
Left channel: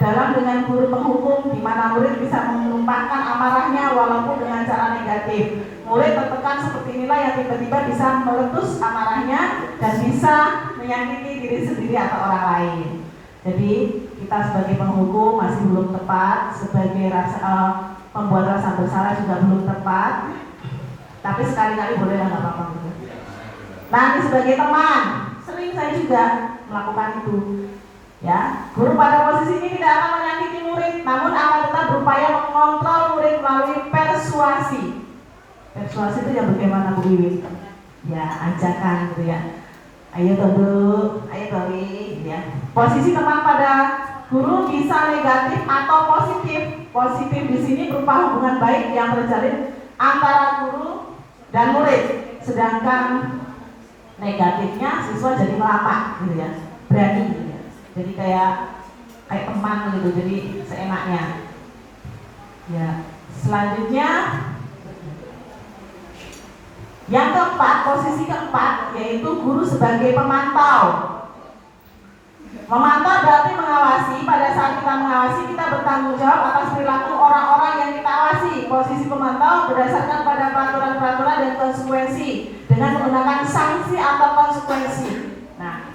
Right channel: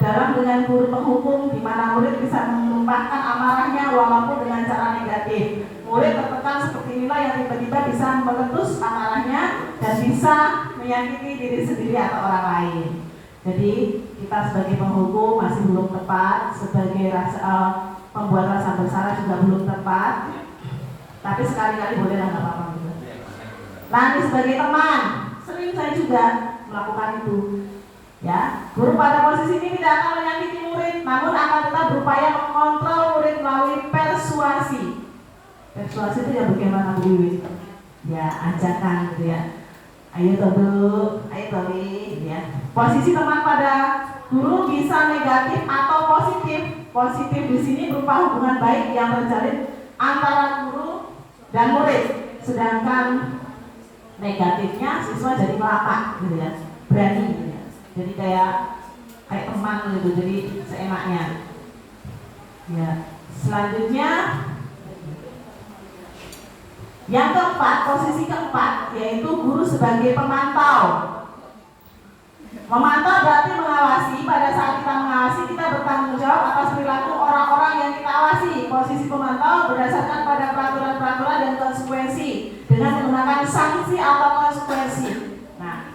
dalam dengan guru penghukum, di mana murid bisa menumpahkan amarahnya walaupun dengan cara negatif. Murid tertekan seperti inilah yang tiba-tiba bisa meletus amarahnya dan bisa menyakiti diri sendiri atau orang lain. Jadi kita sebagai penghukum masih belum tepat, sebagai pembuat rasa bersalah juga belum tepat. Tapi sekali-kali boleh lah, nggak apa-apa gitu. Nanti sebagai teman, sering saya juga melakukan itu. Ya, guru pada posisi ini tidak akan menyakiti murid, namun akan tetap berupaya mengontrol murid melalui persuasi. Persuasi itu ya bagaimana Bu Wiwi? Ya, ajakan gitu ya. Ayo duduk, ayo Towi, ya. Posisi teman pada guru bisa negatif atau positif. Positif di sini berupa hubungan baik yang terjalin antara guru dan murid. Sedangkan negatifnya siswa jadi ngelapak gitu ya, berani gitu ya. Jadi kayak teman gitu, jadi seenaknya. Ya, selanjutnya yang keempat, posisi keempat yaitu guru sebagai pemantau. Memantau berarti mengawasi. Pada saat kita mengawasi, kita bertanggung jawab atas perilaku orang-orang yang kita awasi. Posisi pemantau berdasarkan pada peraturan-peraturan dan konsekuensi dengan menggunakan sanksi atau konsekuensi. Nah,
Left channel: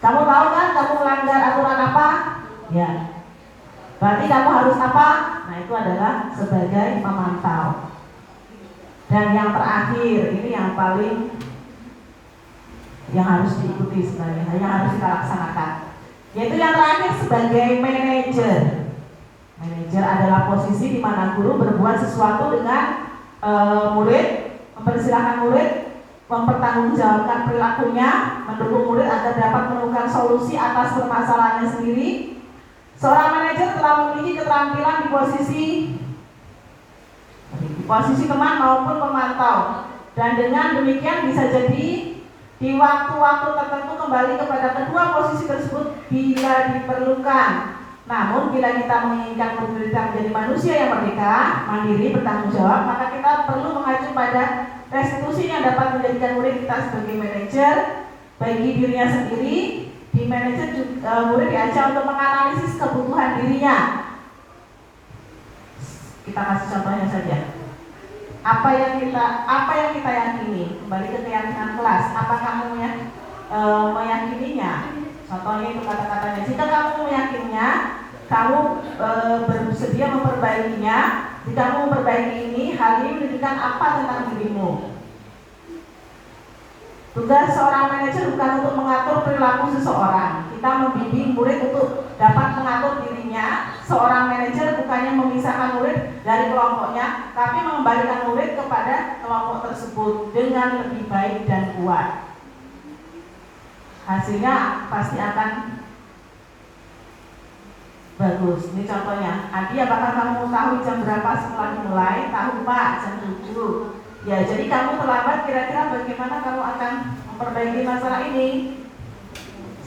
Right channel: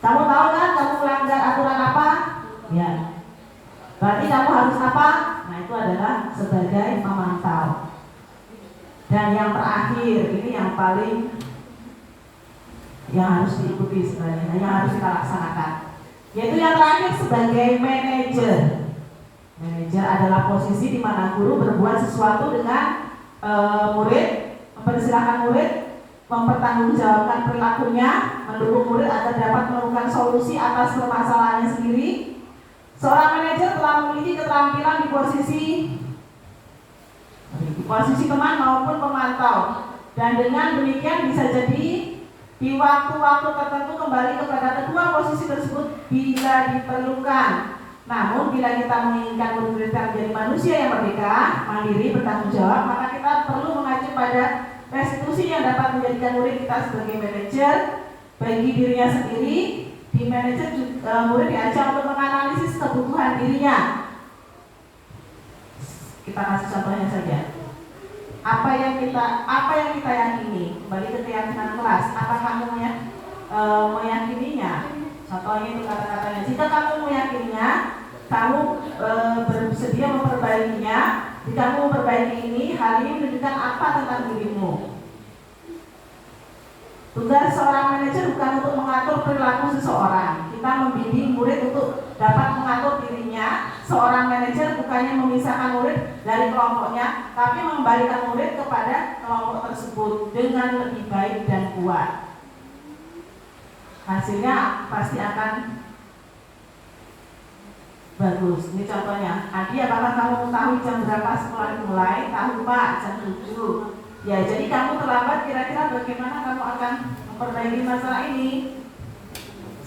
kamu tahu kan kamu melanggar aturan apa? Ya. Berarti kamu harus apa? Nah, itu adalah sebagai pemantau. Dan yang terakhir, ini yang paling yang harus diikuti sebenarnya, yang harus kita laksanakan. Yaitu yang terakhir sebagai manajer. Manajer adalah posisi di mana guru berbuat sesuatu dengan murid, mempersilahkan murid, mempertanggungjawabkan perilakunya, mendukung murid agar dapat menemukan solusi atas permasalahannya sendiri. Seorang manajer telah memiliki keterampilan di posisi teman maupun pemantau, dan dengan demikian bisa jadi di waktu-waktu tertentu kembali kepada kedua posisi tersebut bila diperlukan. Namun bila kita menginginkan murid kita menjadi manusia yang merdeka, mandiri, bertanggung jawab, maka kita perlu mengacu pada restitusi yang dapat menjadikan murid kita sebagai manajer bagi dirinya sendiri. Di manajer murid diajak untuk menganalisis kebutuhan dirinya. Kita kasih contohnya saja. Apa yang kita yakini, kembali ke keyakinan kelas. Apa kamu meyakininya? Contohnya itu kata-katanya. Jika kamu meyakininya, kamu bersedia memperbaikinya. Jika kamu memperbaiki ini, hal ini menunjukkan apa tentang dirimu. Tugas seorang manajer bukan untuk mengatur perilaku seseorang. Kita membimbing murid untuk dapat mengatur dirinya. Seorang manajer bukannya memisahkan murid dari kelompoknya, tapi mengembalikan murid kepada kelompok tersebut dengan lebih baik dan kuat. Hasilnya pasti akan bagus. Ini contohnya. Adi, apakah kamu tahu jam berapa sekolah dimulai? Tahu Pak, jam 7. Ya, jadi kamu terlambat, kira-kira bagaimana kamu akan memperbaiki masalah ini?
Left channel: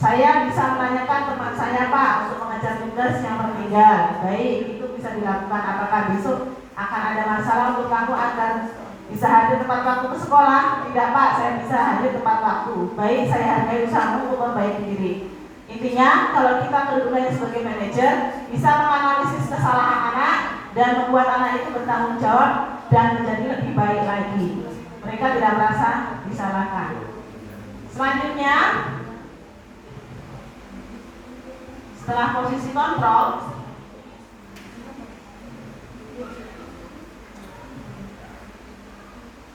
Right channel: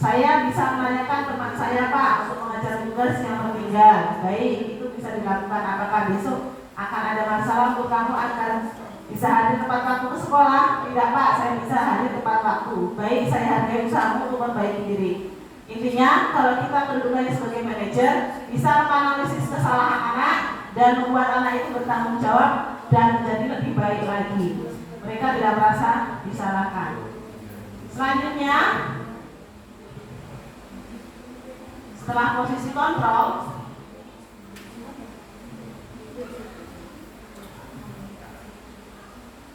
Saya bisa menanyakan teman saya Pak untuk mengajar tugas yang tertinggal. Baik, itu bisa dilakukan. Apakah besok akan ada masalah untuk kamu akan bisa hadir tepat waktu ke sekolah? Tidak Pak, saya bisa hadir tepat waktu. Baik, saya hargai usahamu untuk memperbaiki diri. Intinya, kalau kita kedudukannya sebagai manajer, bisa menganalisis kesalahan anak dan membuat anak itu bertanggung jawab dan menjadi lebih baik lagi. Mereka tidak merasa disalahkan. Selanjutnya, setelah posisi kontrol,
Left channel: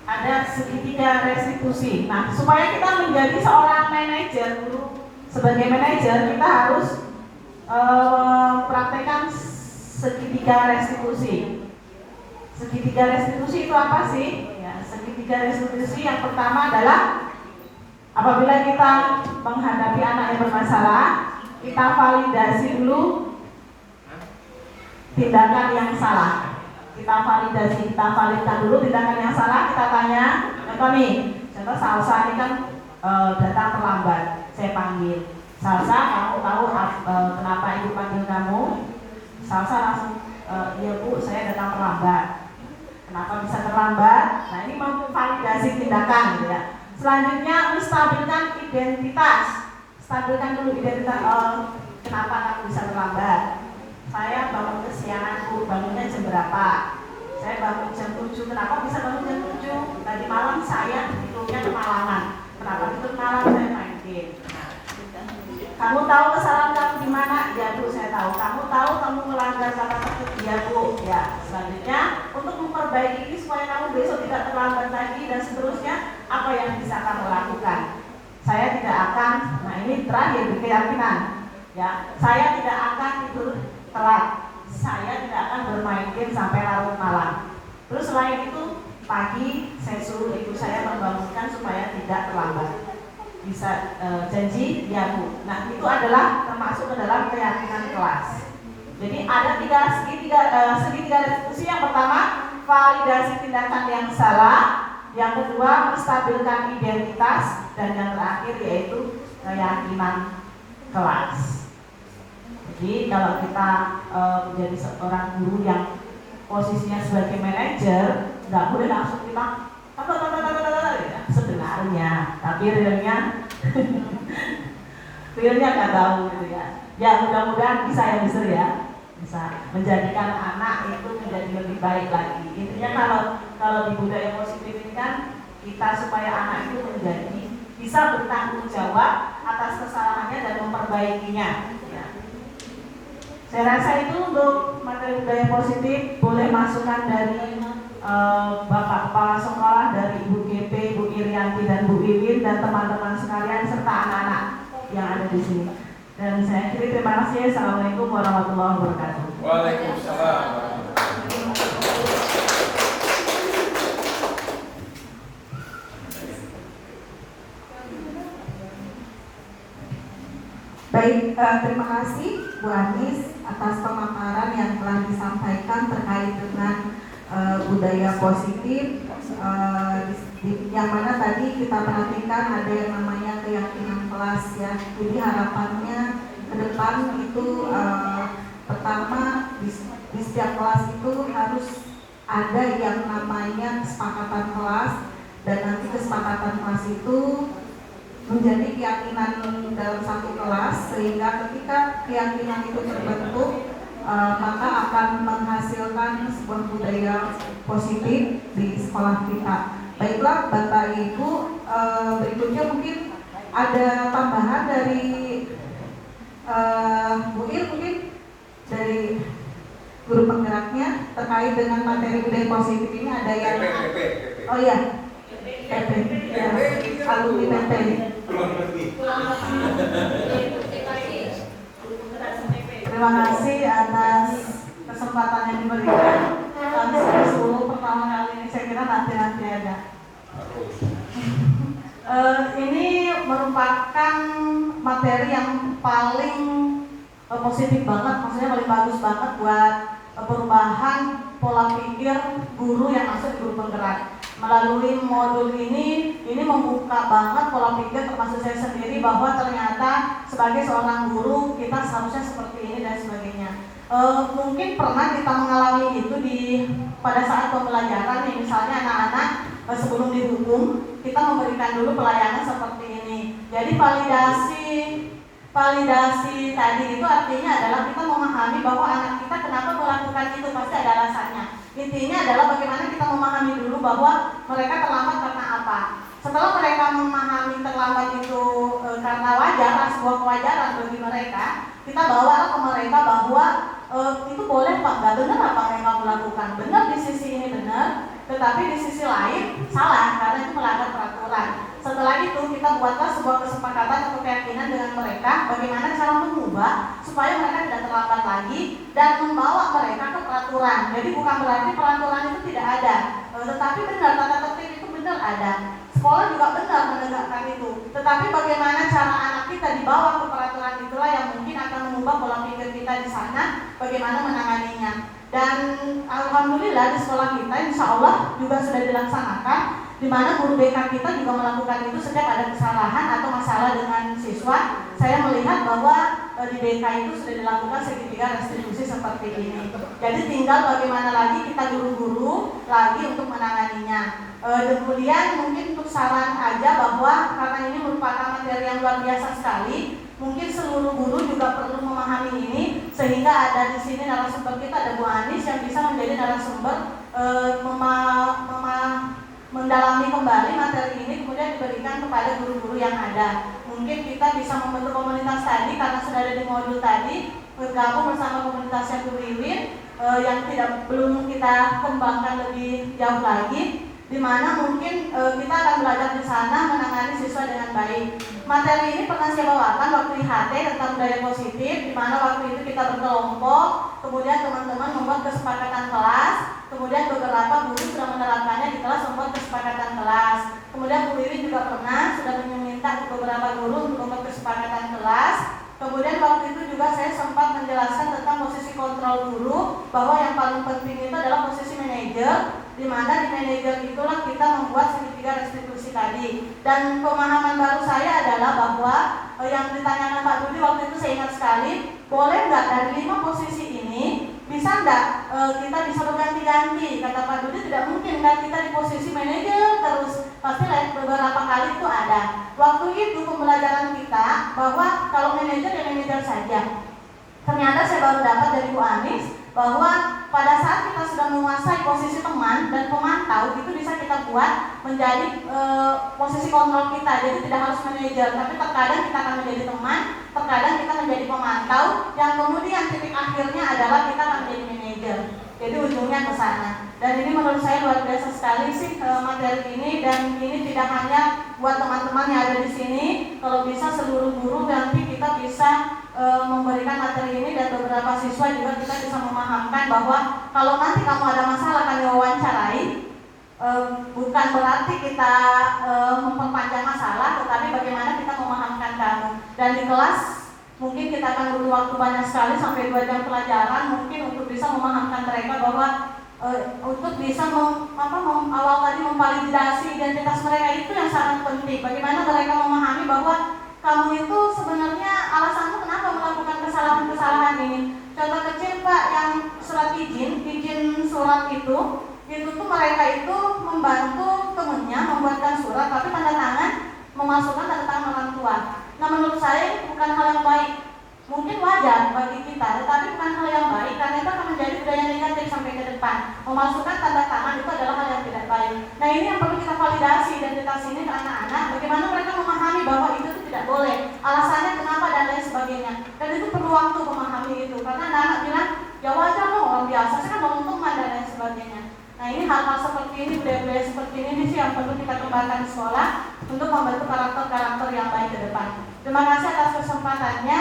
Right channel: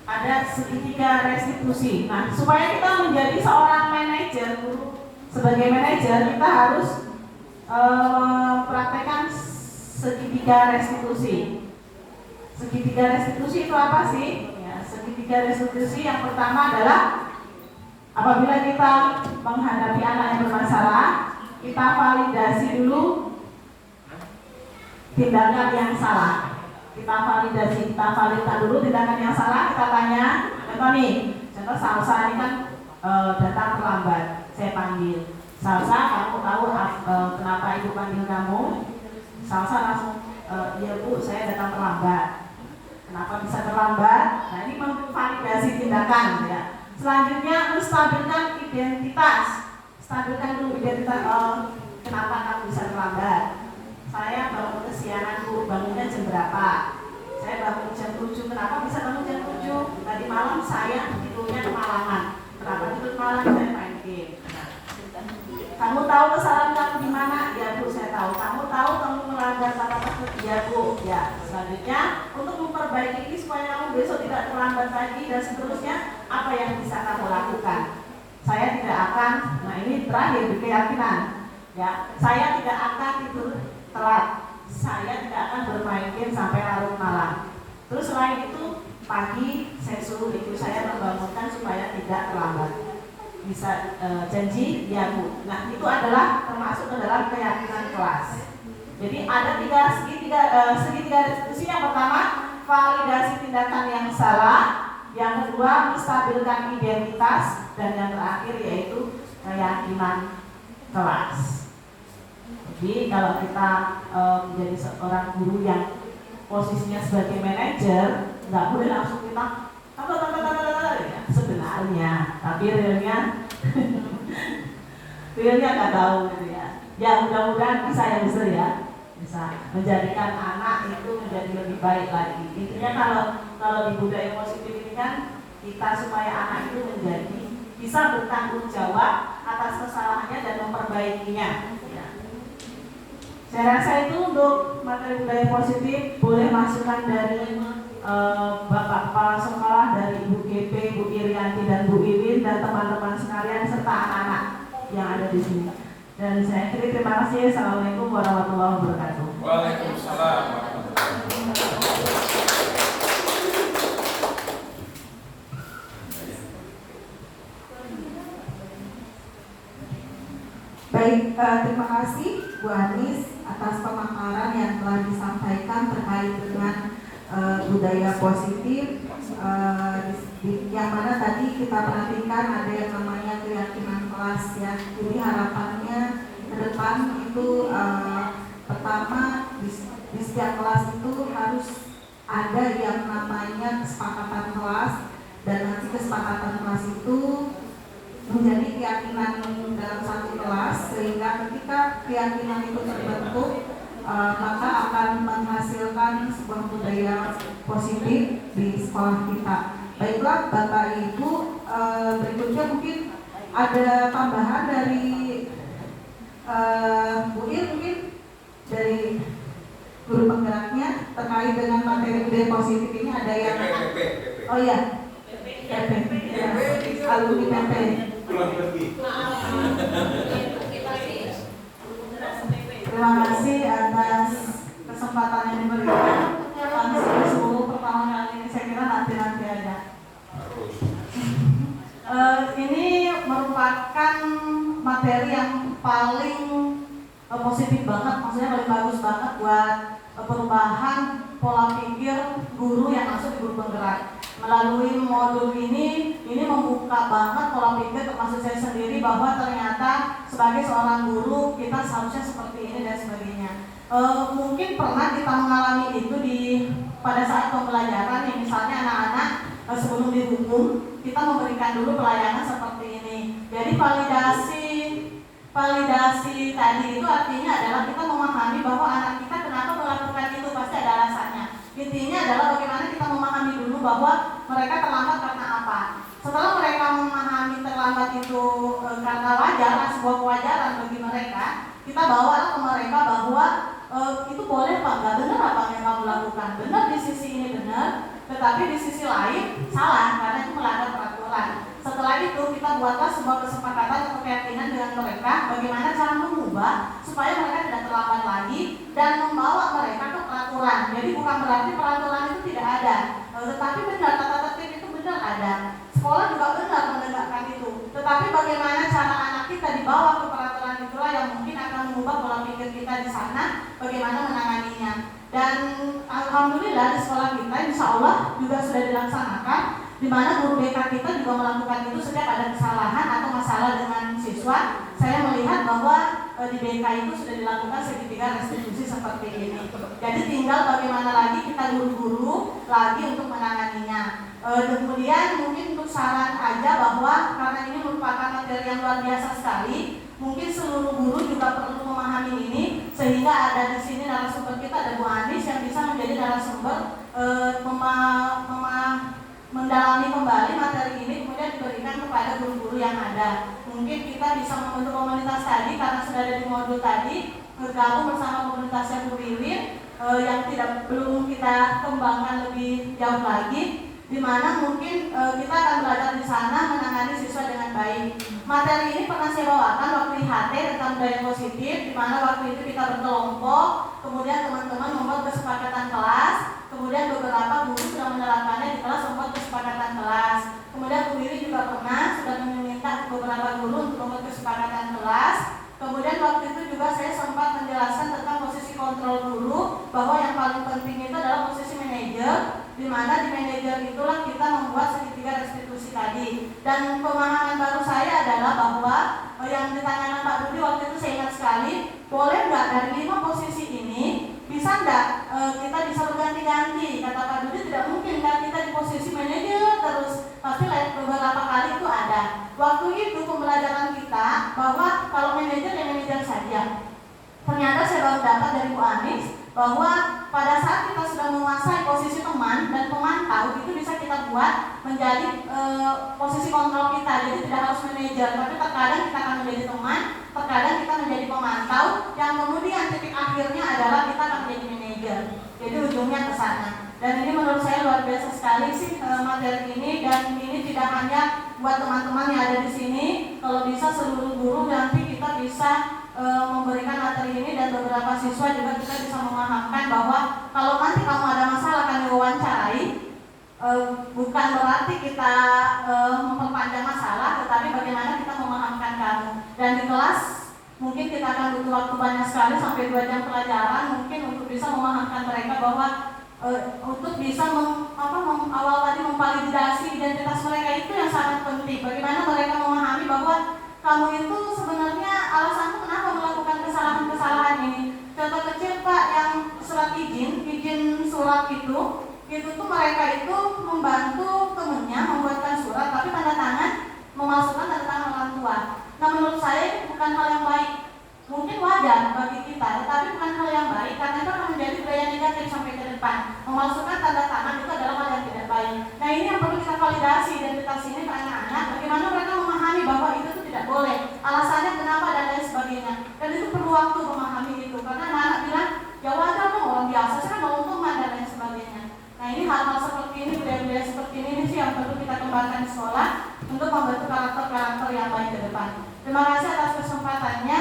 ada segitiga restitusi. Nah, supaya kita menjadi seorang manajer, sebagai manajer kita harus mempraktekkan segitiga restitusi. Segitiga restitusi itu apa sih? Ya, segitiga restitusi yang pertama adalah apabila kita menghadapi anak yang bermasalah, kita validasi dulu tindakan yang salah. Kita validkan dulu tindakan yang salah. Kita tanya, contoh nih, contoh Salsa ini kan datang terlambat. Saya panggil, Salsa, kamu tahu kenapa ibu panggil kamu? Salsa langsung, iya Bu, saya datang terlambat. Kenapa bisa terlambat? Nah, ini memvalidasi tindakan ya. Selanjutnya menstabilkan identitas. Stabilkan dulu identitas, kenapa kamu bisa terlambat. Saya bangun kesiangan Bu, bangunnya jam berapa? Saya bangun jam 7. Kenapa bisa bangun jam 7? Tadi malam saya tidurnya kemalangan. Kenapa tidur malam? Saya main game. Nah, kamu tahu kesalahan kamu di mana? Ya Bu, saya tahu. Kamu tahu kamu melanggar kata tersebut? Ya Bu. Ya. Selanjutnya, untuk memperbaiki ini supaya kamu besok tidak terlambat lagi dan seterusnya, apa yang bisa kamu lakukan? Saya tidak akan. Nah, ini terakhir di keyakinan. Ya, saya tidak akan tidur telat. Saya tidak akan bermain game sampai larut malam. Terus selain itu, pagi saya suruh ibu saya membangunkan supaya tidak terlambat. Bisa janji? Ya Bu. Nah, itu adalah termasuk ke dalam keyakinan kelas. Jadi ada segitiga restitusi. Yang pertama, validasi tindakan yang salah. Yang kedua, menstabilkan identitas. Dan yang terakhir yaitu keyakinan kelas. Jadi kalau kita menjadi seorang guru yang posisinya sebagai manajer, nggak boleh langsung kita sebenarnya, tapi realnya realnya nggak tahu gitu ya. Ya mudah-mudahan bisa ya bisa ya, bisa menjadikan anak itu menjadi lebih baik lagi. Intinya kalau di budaya positif ini kan kita supaya anak itu menjadi bisa bertanggung jawab atas kesalahannya dan memperbaikinya. Ya. Saya rasa itu untuk materi budaya positif boleh masukan dari Bapak Kepala Sekolah, dari Ibu GP, Bu Irianti dan Bu Iwin dan teman-teman sekalian serta anak-anak yang ada di sini. Dan saya akhiri terima kasih. Assalamualaikum warahmatullahi wabarakatuh. Waalaikumsalam. Baik, terima kasih Bu Anis atas pemaparan yang telah disampaikan terkait dengan budaya positif, yang mana tadi kita perhatikan ada yang namanya keyakinan kelas ya. Jadi harapannya ke depan itu pertama di setiap kelas itu harus ada yang namanya kesepakatan kelas, dan nanti kesepakatan kelas itu menjadi keyakinan dalam satu kelas, sehingga ketika keyakinan itu terbentuk maka akan menghasilkan sebuah budaya positif di sekolah kita. Baiklah Bapak Ibu, berikutnya mungkin ada tambahan dari Bu Il, mungkin dari guru penggeraknya terkait dengan materi budaya positif ini ada yang oh iya alumni PT. Terima kasih atas kesempatan yang diberikan. Langsung Solo pertama kali ini, saya kira nanti ada. Ini merupakan materi yang paling positif banget, maksudnya paling bagus banget buat perubahan pola pikir guru yang masuk di guru penggerak. Melalui modul ini membuka banget pola pikir termasuk saya sendiri bahwa ternyata sebagai seorang guru kita seharusnya seperti ini dan sebagainya. Mungkin pernah kita mengalami itu pada saat pembelajaran, yang misalnya anak-anak sebelum dihukum kita memberikan dulu pelayanan seperti ini. Jadi validasi tadi itu artinya adalah kita memahami bahwa anak kita kenapa melakukan itu, pasti ada alasannya. Intinya adalah bagaimana kita memahami dulu bahwa mereka terlambat karena apa. Setelah mereka memahami terlambat itu karena wajar, sebuah kewajaran bagi mereka, kita bawalah ke mereka bahwa itu boleh Pak, nggak benar apa yang kamu lakukan. Benar di sisi ini benar, tetapi di sisi lain salah karena itu melanggar peraturan. Setelah itu kita buatlah sebuah kesepakatan atau keyakinan dengan mereka bagaimana cara mengubah supaya mereka tidak terlambat lagi dan membawa mereka ke peraturan. Jadi bukan berarti peraturan itu tidak ada, tetapi benar tata tertib itu benar ada. Sekolah juga benar menegakkan itu. Tetapi bagaimana cara anak kita dibawa ke peraturan itulah yang mungkin akan mengubah pola pikir kita di sana, bagaimana menanganinya. Dan alhamdulillah di sekolah kita insya Allah juga sudah dilaksanakan, di mana guru BK kita juga melakukan itu setiap ada kesalahan atau masalah dengan siswa. Saya melihat bahwa di BK itu sudah dilakukan segitiga restitusi seperti ini. Jadi tinggal bagaimana lagi kita guru-guru lagi untuk menanganinya. Kemudian mungkin untuk saran aja bahwa karena ini merupakan materi yang luar biasa sekali, mungkin seluruh guru juga perlu memahami ini, sehingga ada di sini narasumber kita, ada Bu Anis yang bisa menjadi narasumber mendalami kembali materi ini, kemudian diberikan kepada guru-guru yang ada. Mungkin kita bisa membentuk komunitas tadi karena sudah ada di modul tadi, bergabung bersama komunitasnya Bu Wiwin yang belum kita kembangkan lebih jauh lagi, di mana mungkin kita akan belajar di sana menangani siswa dengan baik. Materi ini pernah saya bawakan waktu IHT tentang budaya positif, di mana waktu itu kita berkelompok, kemudian teman-teman membuat kesepakatan kelas, kemudian beberapa guru sudah menerapkannya di kelas, membuat kesepakatan kelas. Kemudian Bu Wiwin juga pernah sudah meminta beberapa guru untuk membuat kesepakatan kelas. Kemudian waktu itu juga saya sempat menjelaskan tentang posisi kontrol guru, bahwa yang paling penting itu adalah posisi manajer, di mana di manajer itulah kita membuat segitiga restitusi tadi. Dan pemahaman baru saya adalah bahwa yang ditanyakan Pak Budi waktu itu saya ingat sekali, boleh nggak dari 5 posisi ini bisa enggak kita bisa berganti-ganti? Kata Pak Dudi tidak mungkin kan kita di posisi manajer terus, pasti beberapa kali itu ada. Waktu itu pembelajaran kita bahwa kalau manajer ya manajer saja. Ternyata saya baru dapat dari Bu Anis bahwa pada saat kita sudah menguasai posisi teman dan pemantau, itu bisa kita buat menjadi posisi kontrol kita. Jadi tidak harus manajer, tapi terkadang kita akan menjadi teman, terkadang kita menjadi pemantau, yang kemudian titik akhirnya adalah kita akan menjadi manajer. Jadi ujungnya ke sana. Dan ini menurut saya luar biasa sekali sih materi ini, dan ini tidak hanya buat teman-teman yang ada di sini, kalau bisa seluruh guru nanti kita bisa memberikan materi ini, dan beberapa siswa juga kita bisa memahamkan bahwa kalau nanti kamu ada masalah kami wawancarai, bukan berarti kita memperpanjang masalah, tetapi bagaimana kita memahamkan kamu. Dan di kelas mungkin kita akan butuh waktu banyak sekali sampai 2 jam pelajaran mungkin untuk bisa memahamkan mereka bahwa untuk bisa awal tadi memvalidasi identitas mereka itu yang sangat penting. Bagaimana mereka memahami bahwa kamu itu sebenarnya alasanmu kenapa melakukan kesalahan-kesalahan ini. Contoh kecil Pak, yang surat izin surat itu tuh mereka itu membantu temennya membuatkan surat, tapi tanda tangan memasukkan tanda tangan orang tua. Nah menurut saya itu bukan hal yang baik. Mungkin wajar bagi kita, tetapi bukan hal yang baik karena itu akan menjadi budaya negatif sampai ke depan. Memasukkan tanda tangan itu adalah hal yang tidak baik. Nah ini yang perlu kita validasi identitas ini ke anak-anak. Bagaimana mereka memahami bahwa itu tuh tidak boleh, alasannya kenapa dan lain sebagainya. Dan itu perlu waktu memahami itu, karena anak-anak bilang ya wajar dong, orang biasa sih kan bangun teman dan lain sebagainya. Nah ini hal-hal seperti ini, budaya-budaya seperti ini sih yang perlu kita kembangkan di sekolah untuk membentuk karakter-karakter yang baik ke depan. Terima kasih atas kesempatannya.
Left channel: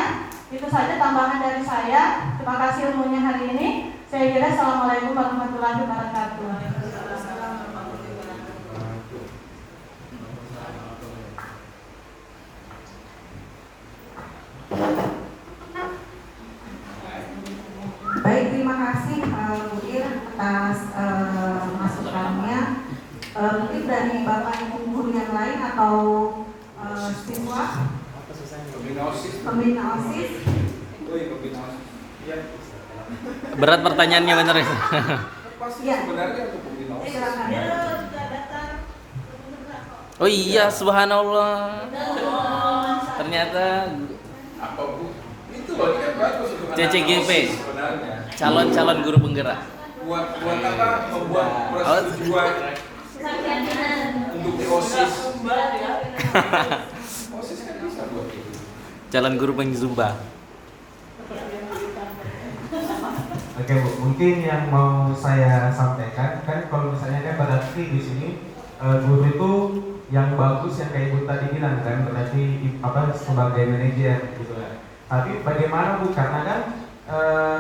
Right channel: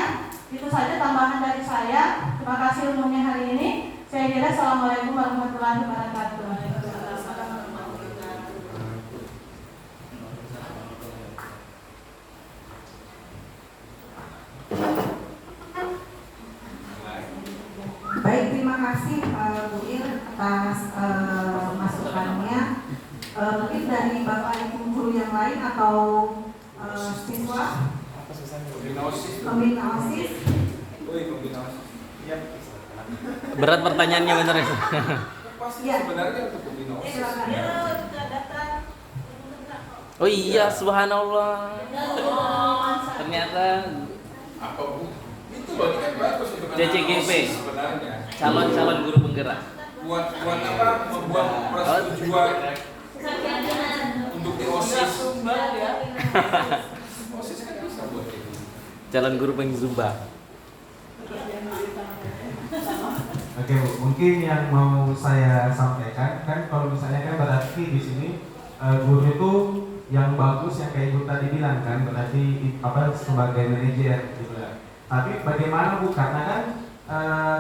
Itu saja tambahan dari saya. Terima kasih ilmunya hari ini. Saya kira assalamualaikum warahmatullahi wabarakatuh. Baik, terima kasih Bu Ir atas masukannya. Mungkin dari Bapak Ibu guru yang lain atau siswa pembina OSIS. Berat pertanyaannya bener ya. Ya. Sebenarnya untuk pembina OSIS. Oh iya, subhanallah. Ternyata Apa Bu? Itu loh, ini kan bagus untuk CCGP. anak-anak OSIS sebenarnya. calon guru penggerak. Buat apa? Membuat persetujuan untuk di OSIS. OSIS kan bisa buat itu. Calon guru pengzumba. Oke Bu, mungkin yang mau saya sampaikan kan kalau misalnya kan berarti di sini guru itu yang bagus yang kayak Ibu tadi bilang kan berarti sebagai manajer gitu kan. Tapi bagaimana Bu, karena kan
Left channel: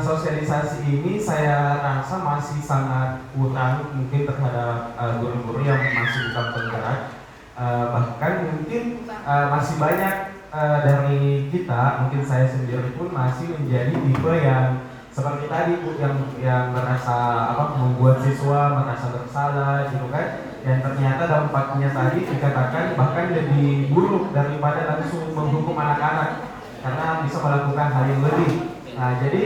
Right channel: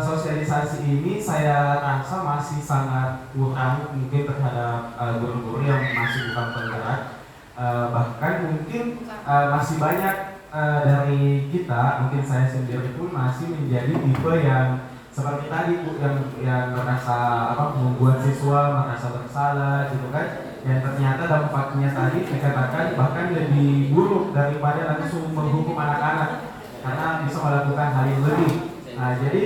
sosialisasi ini saya rasa masih sangat kurang mungkin terhadap guru-guru yang masih bukan penggerak, bahkan mungkin masih banyak dari kita, mungkin saya sendiri pun masih menjadi tipe yang seperti tadi Bu, yang merasa membuat siswa merasa bersalah gitu kan, yang ternyata dampaknya tadi dikatakan bahkan lebih buruk daripada langsung menghukum anak-anak karena bisa melakukan hal yang lebih. Nah jadi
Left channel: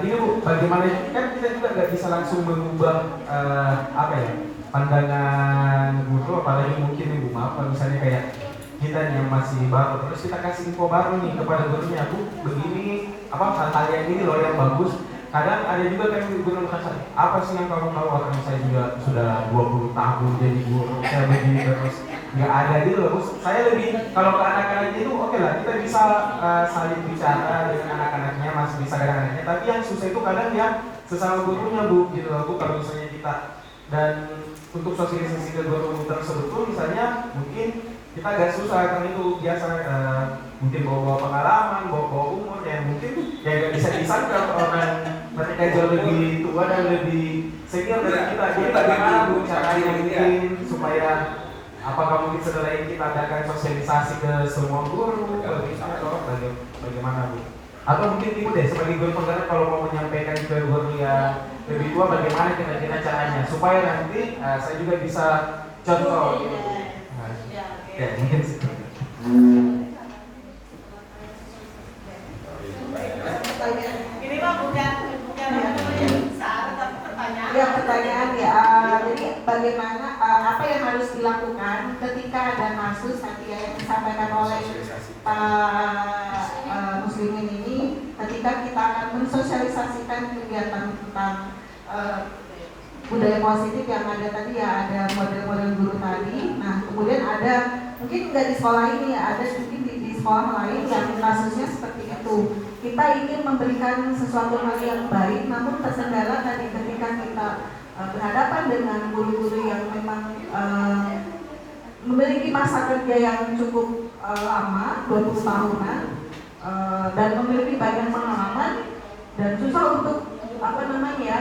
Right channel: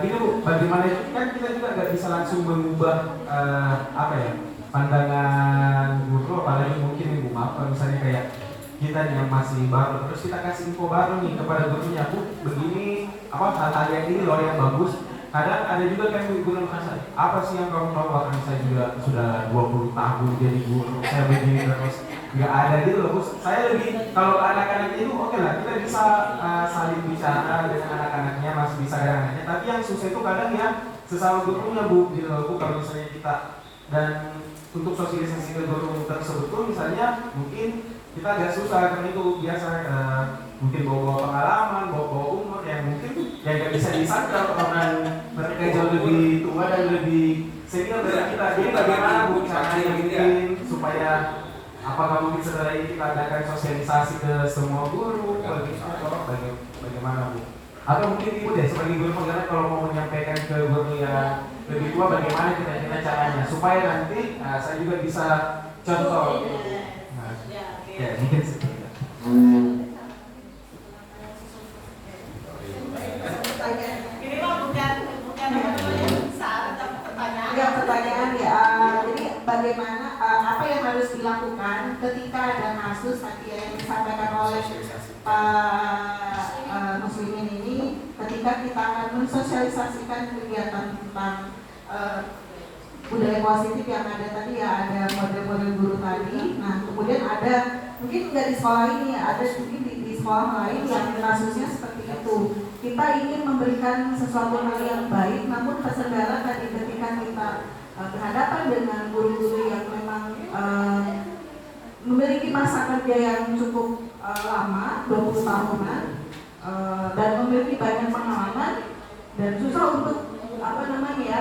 gini Bu, bagaimana kan kita juga nggak bisa langsung mengubah pandangan guru, apalagi mungkin Ibu maaf kalau misalnya kayak kita yang masih baru terus kita kasih info baru nih kepada gurunya, Bu begini hal-hal yang ini loh yang bagus. Kadang ada juga kan guru merasa apa sih yang kamu mau, akan saya juga sudah 20 tahun jadi guru saya begini terus nggak ada gitu loh Bu. Saya lebih kalau ke anak-anak itu oke lah kita bisa saling bicara dengan anak-anaknya, masih bisa dengan anaknya, tapi yang susah itu kadang ya sesama gurunya Bu gitu loh Bu. Kalau misalnya kita dan untuk sosialisasi ke guru tersebut tuh misalnya mungkin kita agak susah karena itu biasa mungkin bawa pengalaman, bawa umur yang mungkin ya nggak bisa disangka orang mereka jauh lebih tua dan lebih senior dari kita. Jadi bagaimana Bu caranya mungkin supaya apakah mungkin setelah ini kita adakan sosialisasi ke semua guru bagaimana Bu? Atau mungkin Ibu deh sebagai guru penggerak kalau mau menyampaikan ke guru yang lebih tua bagaimana kira-kira caranya supaya nanti saya juga bisa contoh gitu Bu. Ya, mungkin seperti itu. Ini mah bukan disampaikan oleh Pak Muslimin ini, ketika kita akan mensosialisasikan kegiatan tentang budaya positif yang ada tadi ya, ada model-model guru tadi. Nah kemudian ada mungkin nggak di sekolah ini, ada mungkin di sekolah lain yang kasusnya seperti itu. Kita ingin memberikan sesuatu hal yang baik, namun terkendala tadi ketika kita berhadapan dengan guru-guru yang memang memiliki masa kerja yang cukup lama, 20 tahunan, dan memiliki banyak pengalaman dan susah untuk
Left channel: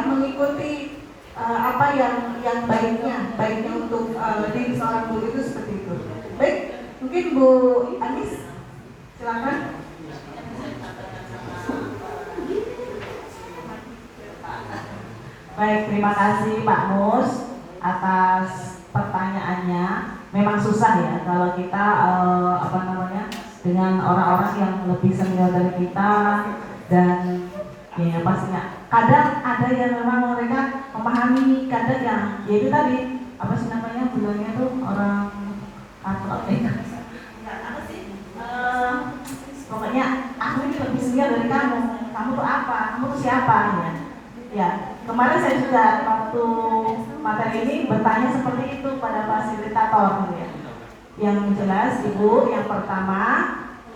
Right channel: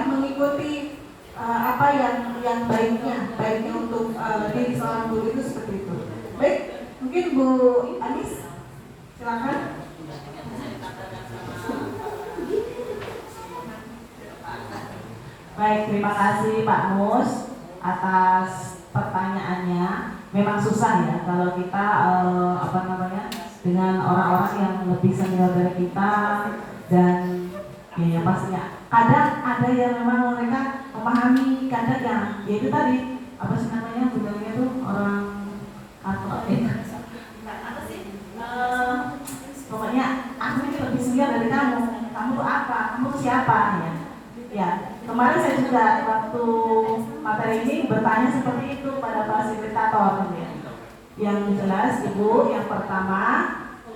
mengikuti apa yang baiknya untuk diri seorang guru itu seperti itu. Baik, mungkin Bu Anis, silakan. Baik, terima kasih Pak Mus atas pertanyaannya. Memang susah ya kalau kita dengan orang-orang yang lebih senior dari kita, dan ya pastinya kadang ada yang memang mereka memahami, kadang yang yaitu tadi bilangnya tuh orang pokoknya aku ini lebih senior dari kamu tuh apa, kamu tuh siapa ya. Kemarin saya juga waktu materi ini bertanya seperti itu pada fasilitator ya. Yang jelas Ibu, yang pertama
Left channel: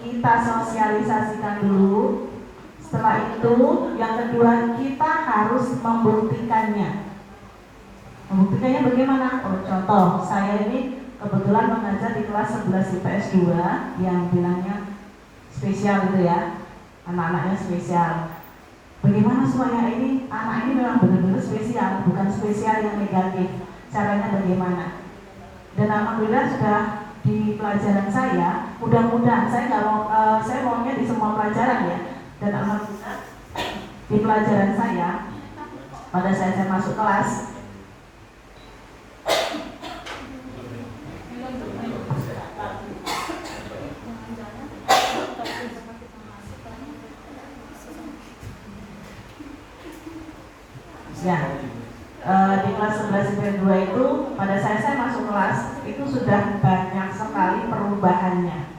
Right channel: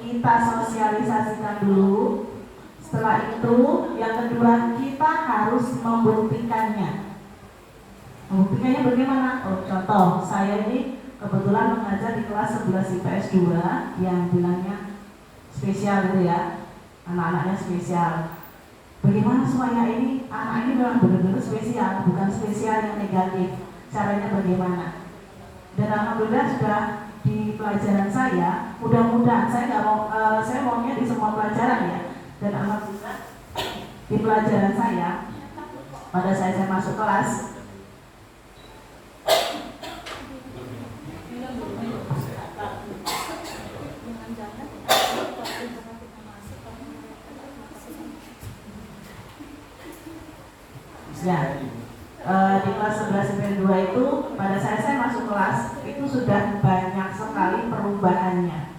kita sosialisasikan dulu. Setelah itu yang kedua kita harus membuktikannya. Membuktikannya bagaimana? Contoh, saya ini kebetulan mengajar di kelas 11 IPS 2 yang bilangnya spesial gitu ya. Anak-anaknya spesial. Bagaimana supaya anak ini memang benar-benar spesial, bukan spesial yang negatif. Caranya bagaimana? Dan alhamdulillah sudah di pelajaran saya, mudah-mudahan saya maunya di semua pelajaran ya. Dan alhamdulillah di pelajaran saya pada saat saya masuk kelas, ya, di kelas 11 IPS 2 itu pada saat saya masuk kelas itu sudah banyak sekali perubahannya.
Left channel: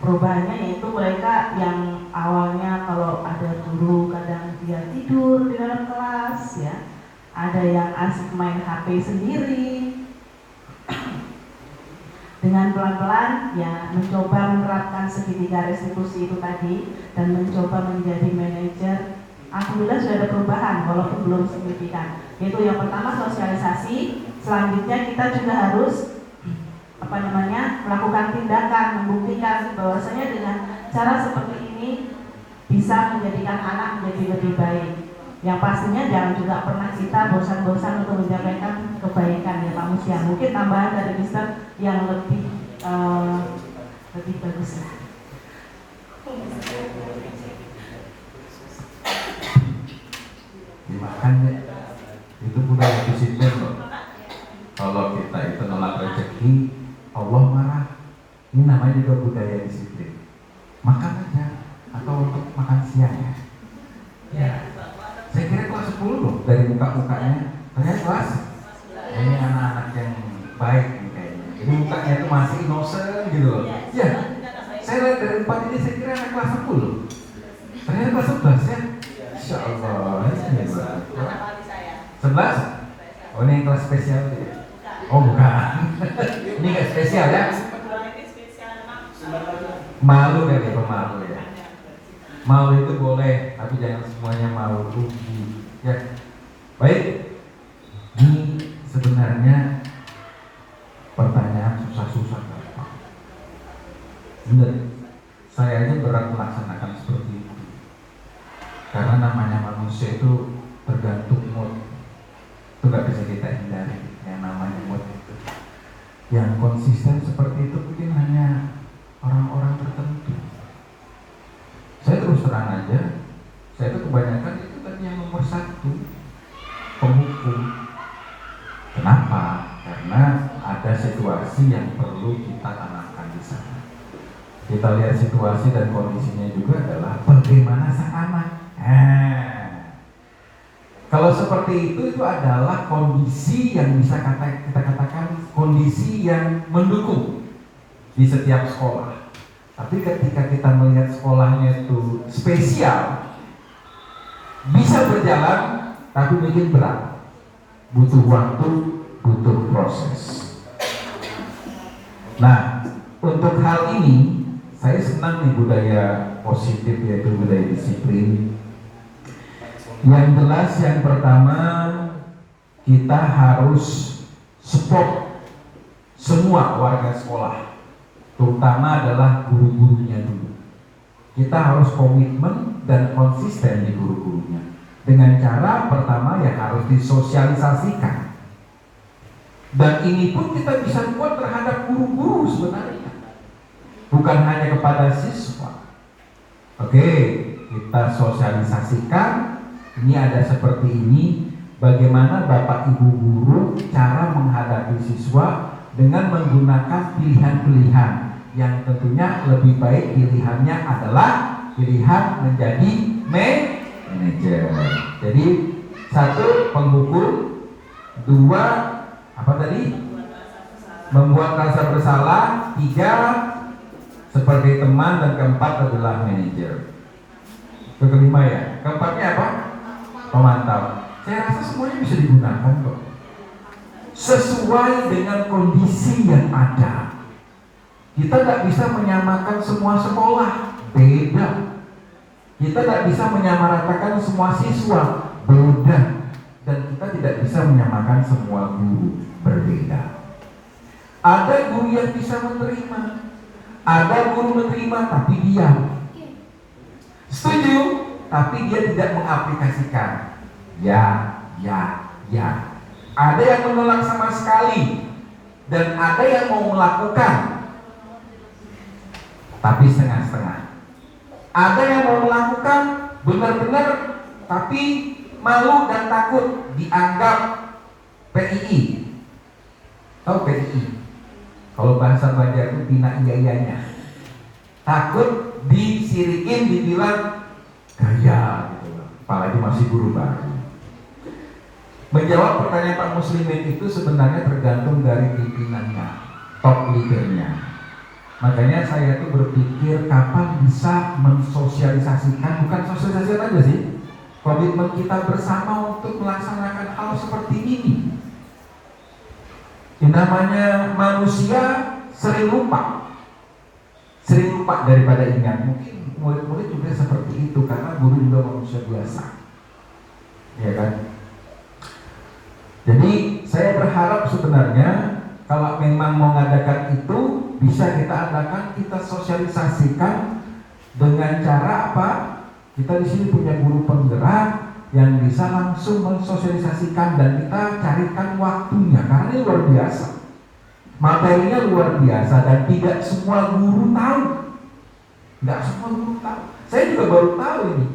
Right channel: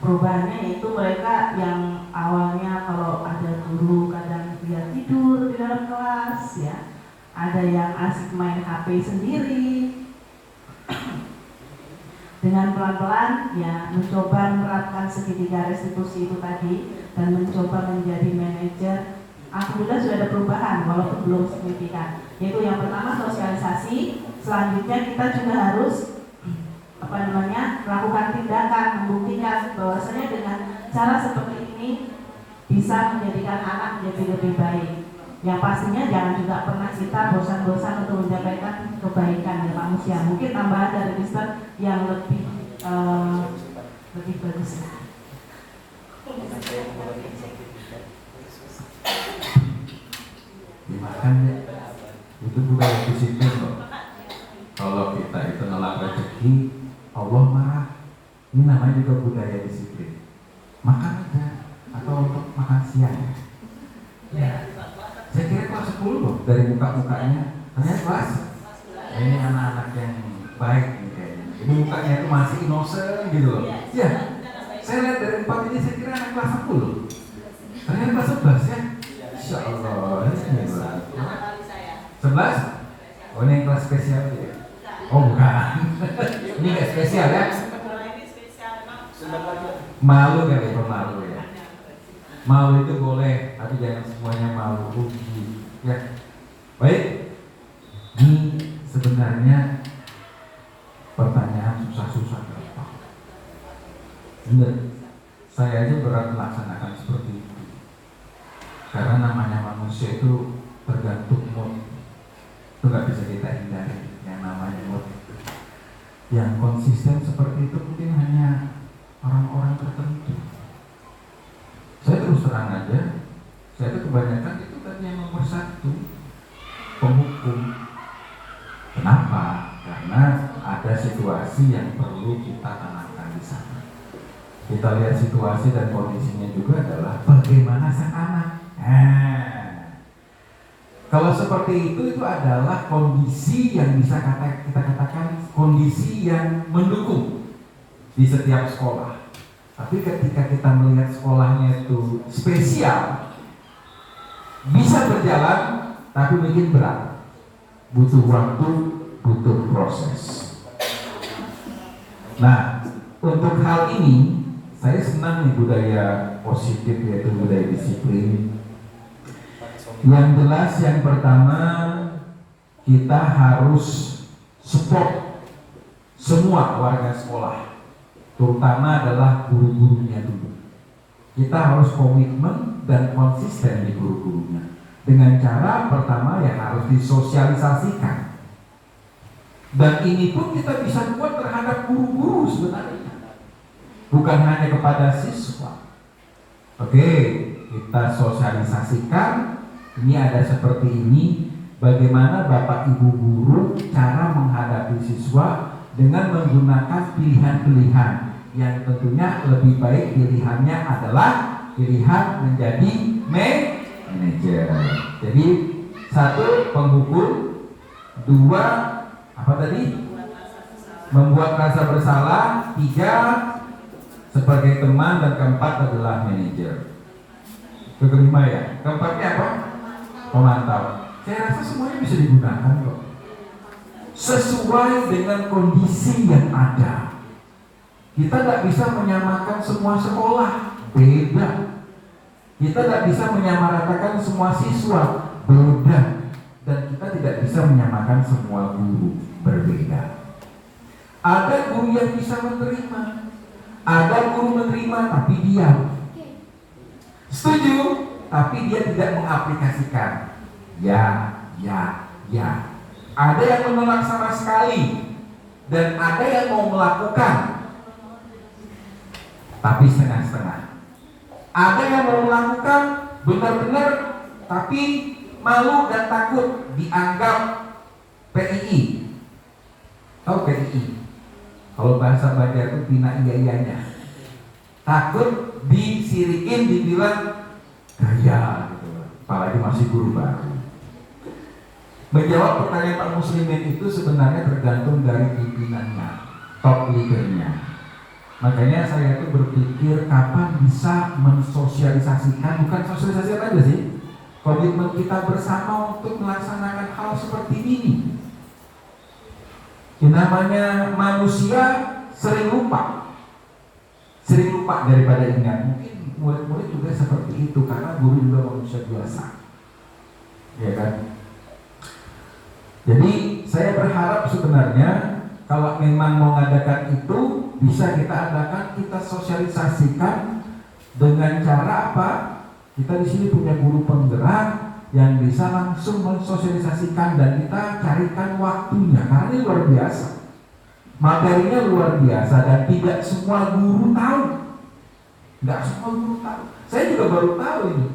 Perubahannya yaitu mereka yang awalnya kalau ada guru kadang dia tidur di dalam kelas ya, ada yang asik main HP sendiri. Dengan pelan-pelan ya mencoba menerapkan segitiga restitusi itu tadi dan mencoba menjadi manajer. Alhamdulillah sudah ada perubahan walaupun belum signifikan. Yaitu yang pertama sosialisasi, selanjutnya kita juga harus melakukan tindakan, membuktikan bahwasanya dengan cara seperti ini bisa menjadikan anak menjadi lebih baik. Yang pastinya jangan juga pernah kita bosan-bosan untuk menyampaikan kebaikan ya Pak Musya. Mungkin tambahan dari Mister yang lebih bagus. Makanya itu budaya disiplin loh. Kalau kita itu nolak rezeki, Allah marah. Ini namanya juga budaya disiplin. Makan aja atau untuk makan siang ya. Saya kira kelas 10 loh dari muka-mukanya. Ternyata kelas ini anak-anak yang baik nih kayaknya. Ini mukanya itu masih innocent gitu loh. Ya, saya lihat dari 4 ini saya kira anak kelas 10. Ternyata kelas 11 ya. Insya Allah. 11? Oh ini kelas spesial ya? Oh bukan. Ini nggak spesial ya? Malu kan itu malu ya. Malu itu boleh, tapi jangan semuanya malu rugi. Ya, baik. Ini sebenarnya pertanyaan susah-susah. Bener, saya aja berat melaksanakan seperti itu. Karena namanya manusia itu tergantung mood. Itu nggak bisa kita hindari yang namanya mood itu. Yang konsisten seperti itu mungkin hanya orang-orang tertentu. Saya terus terang aja, saya itu kebanyakan itu kan yang nomor 1 penghukum. Kenapa? Karena ada situasi yang perlu kita tanamkan di sana. Kita lihat situasi dan kondisinya juga adalah bagaimana sang anak. Kalau seperti itu adalah kondisi yang bisa kita katakan kondisi yang mendukung. di setiap sekolah. Tapi ketika kita melihat sekolahnya itu spesial, bisa berjalan, tapi bikin berat. Butuh waktu, butuh proses. Nah, untuk hal ini, saya senang nih budaya positif, yaitu budaya disiplin. Yang jelas yang pertama, kita harus support semua warga sekolah, terutama adalah guru-gurunya dulu. Kita harus komitmen dan konsisten di guru-gurunya. Dengan cara pertama ya harus disosialisasikan. Dan ini pun kita bisa buat terhadap guru-guru sebenarnya, bukan hanya kepada siswa. Oke, kita sosialisasikan. Ini ada seperti ini, bagaimana Bapak Ibu guru cara menghadapi siswa dengan menggunakan pilihan-pilihan yang tentunya lebih baik pilihannya adalah pilihan menjadi manajer. Jadi 1 penghukum, 2 apa tadi? Membuat rasa bersalah, 3 sebagai teman, dan keempat adalah manajer. Itu kelima ya. Keempatnya apa? Pemantau. Saya rasa semuanya bisa digunakan kok, sesuai dengan kondisi yang ada. Kita tidak bisa menyamakan semua sekolah, beda. Kita tidak bisa menyamaratakan semua siswa, beda. Dan kita tidak bisa menyamakan semua guru, berbeda. Ada guru yang bisa menerima, ada guru menerima tapi diam. Setuju, tapi dia tidak mengaplikasikan. Ya. Ada yang menolak sama sekali, dan ada yang mau melakukan tapi setengah-setengah. Ada yang mau melakukan benar-benar tapi malu dan takut dianggap PII. Tahu PII? Kalau bahasa Banjar itu pina iya-iyanya. Takut disirikin, dibilang gaya gitu. Apalagi masih guru baru. Menjawab pertanyaan Pak Muslimin itu sebenarnya tergantung dari pimpinannya, top leadernya. Makanya saya tuh berpikir kapan bisa mensosialisasikan, bukan sosialisasi aja sih, komitmen kita bersama untuk melaksanakan hal seperti ini. Yang namanya manusia sering lupa daripada ingat. Mungkin murid-murid juga seperti itu karena guru juga manusia biasa, ya kan? Jadi saya berharap sebenarnya kalau memang mau mengadakan itu bisa kita adakan, kita sosialisasikan dengan cara apa? Kita di sini punya guru penggerak yang bisa langsung mensosialisasikan, dan kita carikan waktunya karena ini luar biasa. Materinya luar biasa dan tidak semua guru tahu. Tidak semua guru tahu. Saya juga baru tahu ini.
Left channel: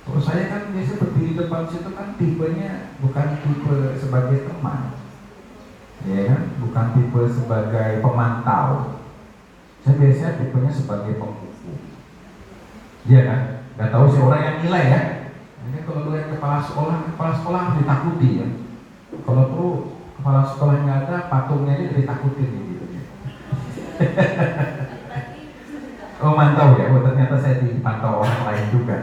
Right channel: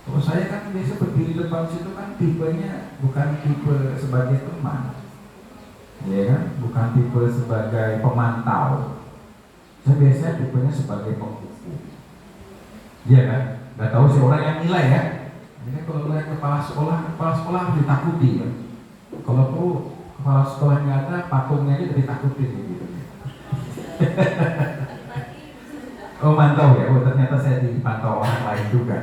Kalau saya kan biasa berdiri depan situ kan tipenya bukan tipe sebagai teman, ya kan, bukan tipe sebagai pemantau. Saya biasanya tipenya sebagai penghukum, iya kan. Gak tahu sih orang yang nilai ya. Ini kalau lihat kepala sekolah harus ditakuti ya. Kalau perlu kepala sekolah yang nggak ada, patungnya aja ditakutin gitu. Oh mantau ya, oh ternyata saya dipantau orang lain juga.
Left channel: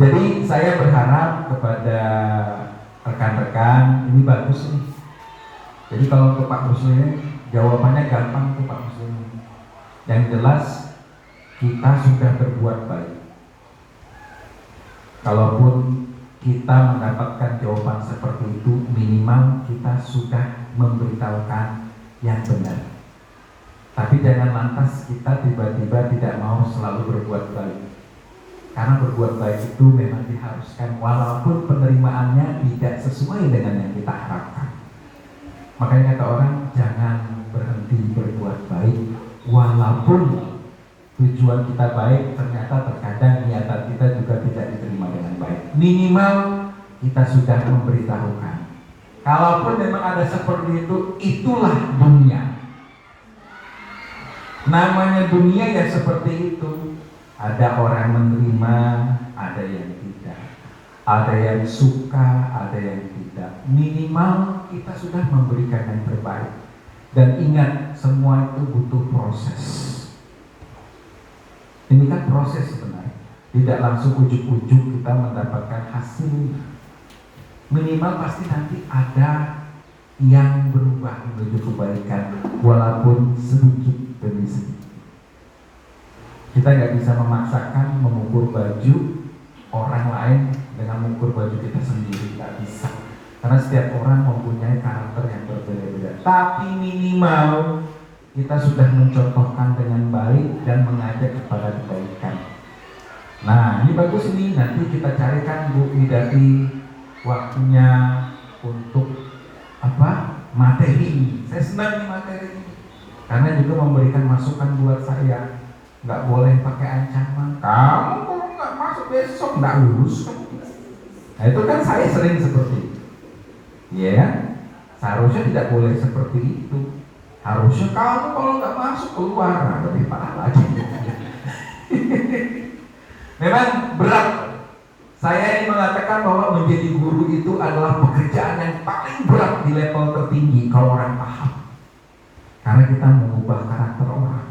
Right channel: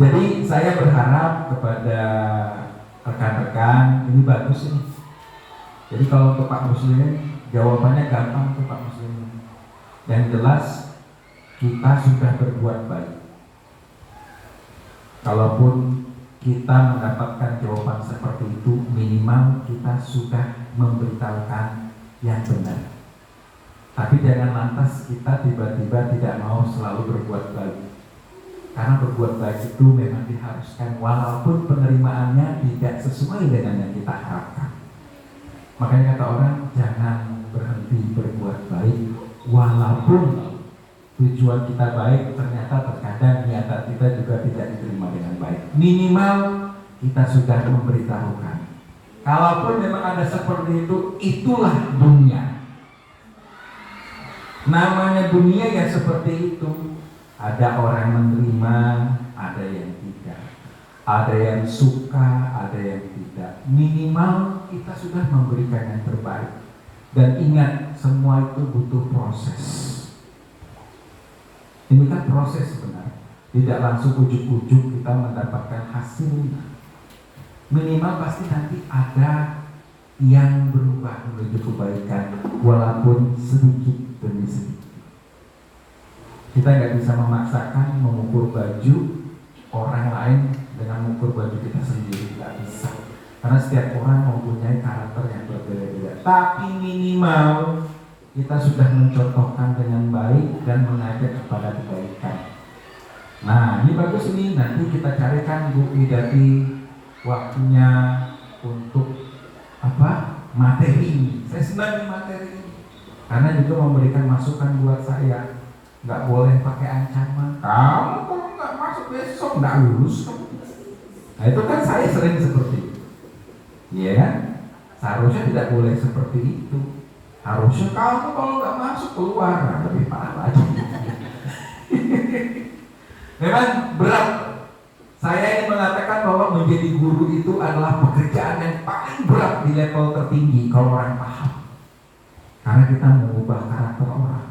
Jadi saya berharap kepada rekan-rekan, ini bagus nih. Jadi kalau untuk Pak Muslimin, jawabannya gampang tuh Pak Muslimin. Yang jelas kita sudah berbuat baik. Kalaupun kita mendapatkan jawaban seperti itu, minimal kita sudah memberitahukan yang benar. Tapi jangan lantas kita tiba-tiba tidak mau selalu berbuat baik. Karena berbuat baik itu memang diharuskan walaupun penerimaannya tidak sesuai dengan yang kita harapkan. Makanya kata orang, jangan berhenti berbuat baik walaupun tujuan kita baik, ternyata terkadang niatan kita juga tidak diterima dengan baik. Minimal kita sudah memberitahukan. Kalaupun memang ada seperti itu, itulah dunia. Namanya dunia ya seperti itu. Ada orang menerima, ada yang tidak. Ada yang suka, ada yang tidak. Minimal kita sudah memberikan yang terbaik. Dan ingat, semua itu butuh proses. Ini kan proses sebenarnya. Tidak langsung ujuk-ujuk kita mendapatkan hasil. Minimal pasti nanti ada yang berubah menuju kebaikan, walaupun sedikit demi sedikit. Kita nggak bisa memaksakan mengukur baju orang lain dengan mengukur baju kita sendiri, nggak bisa. Karena setiap orang mempunyai karakter yang berbeda-beda. Tapi minimal kita sudah mencontohkan dengan baik dan mengajak kepada kebaikan. Nah, ini bagus ini. Nanti kita carikan Bu Widati waktunya untuk materi. Saya senang di materi ini karena juga memberikan masukan buat saya. Nggak boleh pakai ancaman. Kamu kalau nggak masuk besok nggak lulus. Nah itu kan saya sering seperti itu. Iya kan? Seharusnya tidak boleh seperti itu. Harusnya kamu kalau nggak masuk keluar. Nah, lebih parah lagi. Memang berat. Saya ingin mengatakan bahwa menjadi guru itu adalah pekerjaan yang paling berat di level tertinggi kalau orang paham. Karena kita mengubah karakter orang.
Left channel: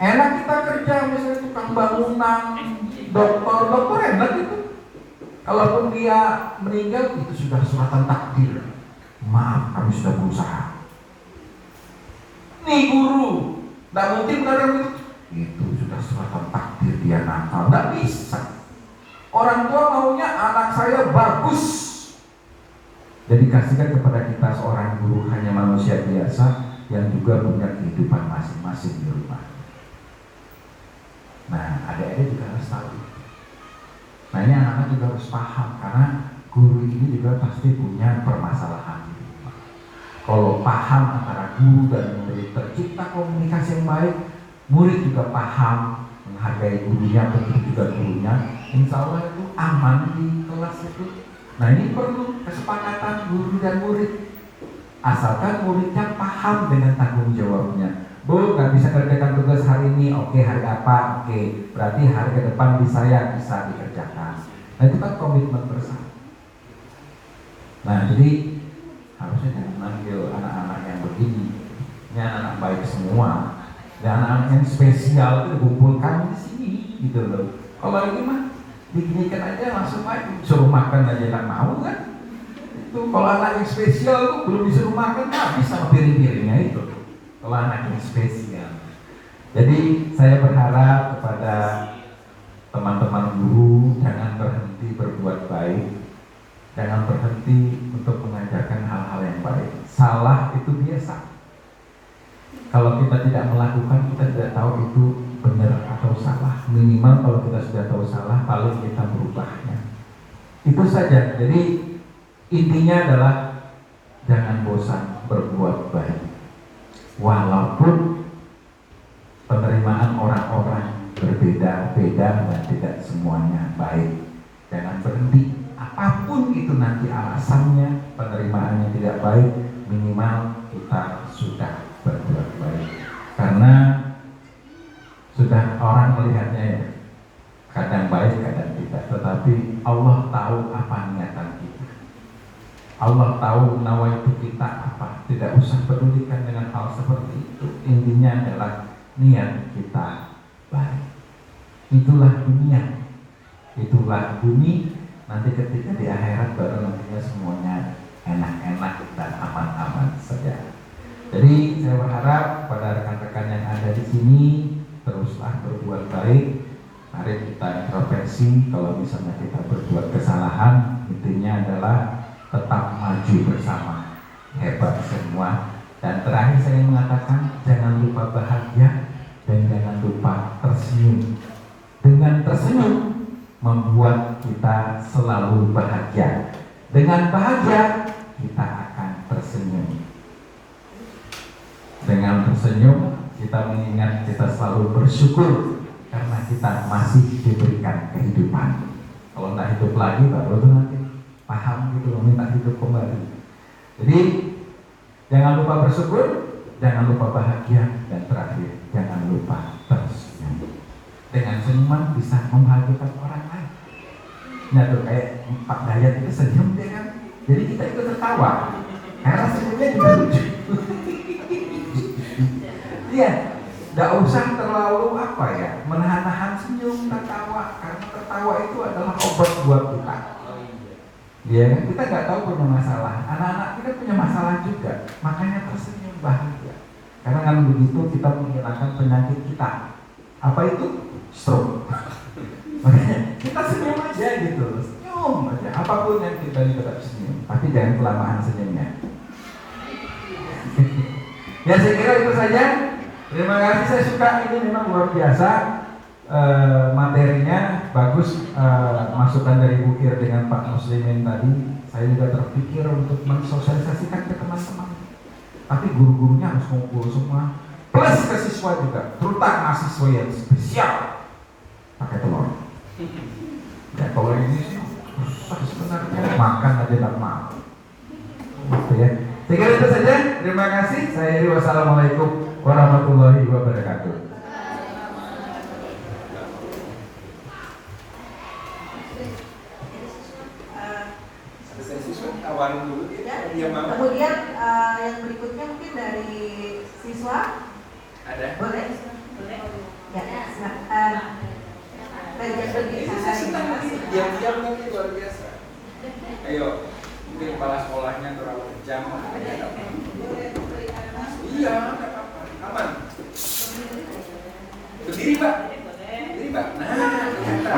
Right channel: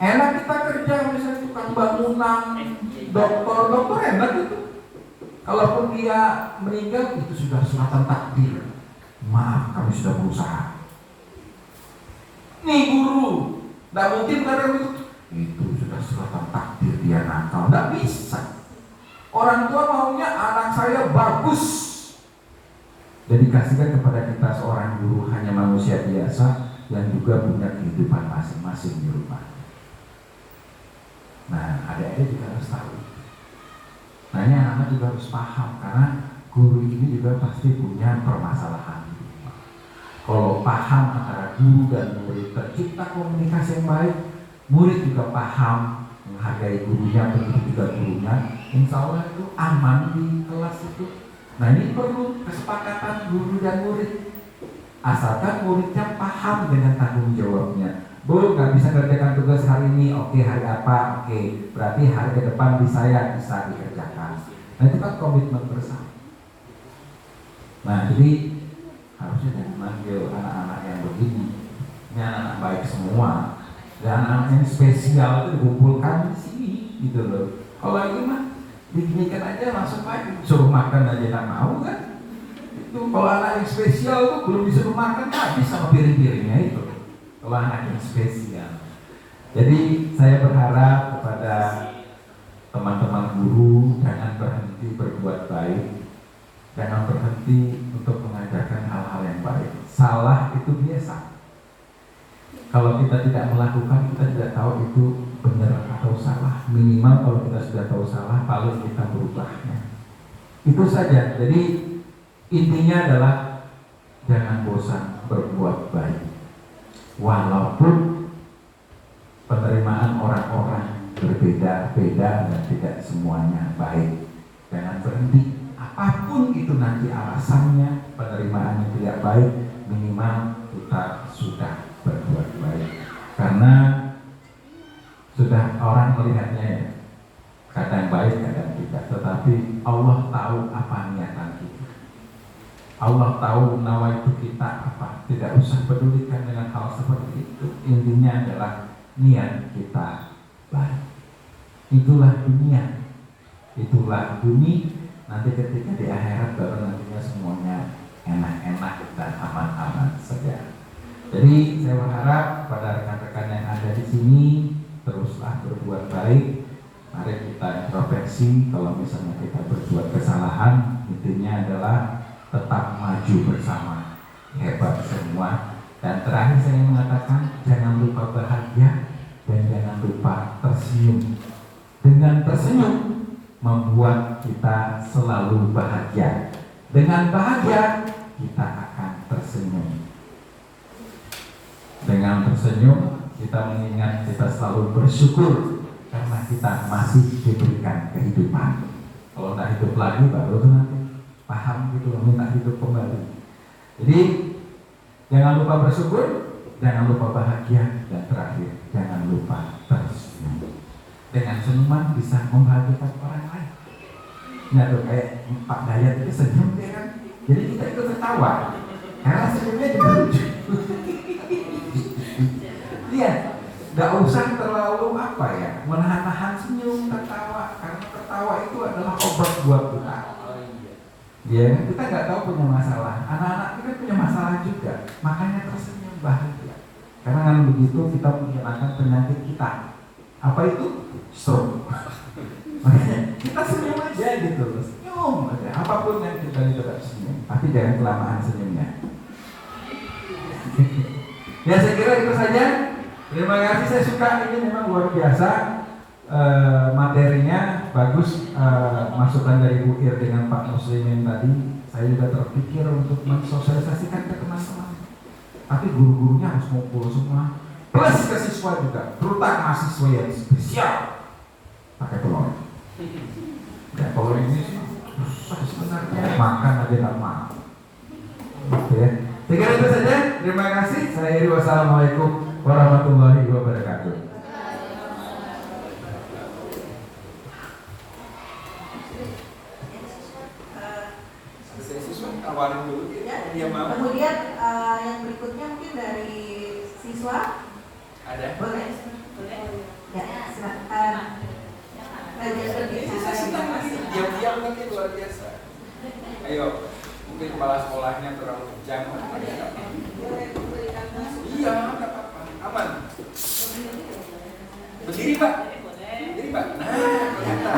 Enak kita kerja misalnya tukang bangunan, dokter enak itu. Kalaupun dia meninggal itu sudah suratan takdir. Maaf, kami sudah berusaha. Nih guru, nggak mungkin benar itu sudah suratan takdir dia nakal, nggak bisa. Orang tua maunya anak saya bagus. Jadi kasihkan kepada kita seorang guru hanya manusia biasa yang juga punya kehidupan masing-masing di rumah. Nah, adik-adik juga harus tahu. Nah, ini anak-anak juga harus paham karena guru ini juga pasti punya permasalahan di rumah. Kalau paham antara guru dan murid, tercipta komunikasi yang baik, murid juga paham menghargai gurunya, begitu juga gurunya. Insya Allah itu aman di kelas itu. Nah ini perlu kesepakatan guru dan murid. Asalkan muridnya paham dengan tanggung jawabnya. Bu, nggak bisa kerjakan tugas hari ini, oke hari apa? Oke, berarti hari ke depan bisa dikerjakan. Nah itu kan komitmen bersama. Nah jadi harusnya jangan manggil anak-anak yang begini. Ini anak-anak baik semua. Dan anak-anak yang spesial itu dikumpulkan di sini, gitu loh. Kalau ini mah diginikan aja langsung aja, suruh makan aja tak mau kan? Itu kalau anak yang spesial itu belum disuruh makan, habis sama piring-piringnya itu. Kalau anak yang spesial. Jadi saya berharap kepada teman-teman guru jangan berhenti berbuat baik, jangan berhenti untuk mengajarkan hal-hal yang baik. Salah itu biasa. Kalau kita tidak melakukan, kita tidak tahu itu benar atau salah. Minimal kalau kita sudah tahu salah, lalu kita berubahnya. Itu saja. Jadi intinya adalah jangan bosan berbuat baik. Walaupun penerimaan orang-orang berbeda-beda dan tidak semuanya baik. Jangan berhenti. Apapun itu nanti alasannya, penerimaannya tidak baik, minimal kita sudah berbuat baik. Karena sudah orang melihatnya ya, kadang baik kadang tidak, tetapi Allah tahu apa niatan kita. Allah tahu nawaitu kita apa. Tidak usah pedulikan dengan hal seperti itu. Intinya adalah niat kita baik. Itulah dunia, itulah bumi. Nanti ketika di akhirat baru nantinya semuanya enak-enak dan aman-aman saja. Jadi saya berharap pada rekan-rekan yang ada di sini teruslah berbuat baik. Mari kita introspeksi kalau misalnya kita berbuat kesalahan, intinya adalah tetap maju bersama, hebat semua. Dan terakhir saya mengatakan jangan lupa bahagia dan jangan lupa tersenyum. Dengan tersenyum membuat kita selalu bahagia. Dengan bahagia kita akan tersenyum. Dengan tersenyum kita mengingat kita selalu bersyukur karena kita masih diberikan kehidupan. Kalau tidak hidup lagi baru itu nanti paham gitu, minta hidup kembali. Jadi jangan lupa bersyukur, jangan lupa bahagia, dan terakhir jangan lupa tersenyum. Dengan senyuman bisa membahagiakan orang lain. Nah tuh kayak Pak Dayat itu senyum dia kan, jadi kita ikut tertawa karena senyumnya juga lucu. Iya, nggak usah terlalu apa ya, menahan-nahan senyum, tertawa, karena tertawa itu adalah obat buat kita. Iya kan, kita nggak tahu punya masalah, anak-anak kita punya masalah juga, makanya tersenyum bahagia. Karena dengan begitu kita menghilangkan penyakit kita. Apa itu? Stroke. Makanya kita senyum aja gitu, senyum aja. Apapun yang kita tetap senyum, tapi jangan kelamaan senyumnya. Ya saya kira itu saja. Terima kasih, saya suka, ini memang luar biasa. Materinya bagus, masukan dari Bu Ir dengan Pak Muslimin tadi. Saya juga terpikir untuk mensosialisasikan ke teman-teman. Tapi guru-gurunya harus ngumpul semua, plus ke siswa juga, terutama siswa yang spesial pakai telur. Ya kalau ini susah sebenarnya, makan aja tak mau. Gitu ya. Saya kira itu saja. Terima kasih. Saya Iri. Wassalamualaikum warahmatullahi wabarakatuh. Selesai siswa, awalin dulu dia mau. Kemudian yang berikutnya mungkin dari siswa. Ada? Boleh? Ya, silakan. Saya senang nanti diam-diam nanti luar biasa. Ayo, mungkin kepala sekolahnya terlalu kejam. Iya, nggak apa-apa, aman. Berdiri Pak, berdiri Pak. Nah, kelihatan.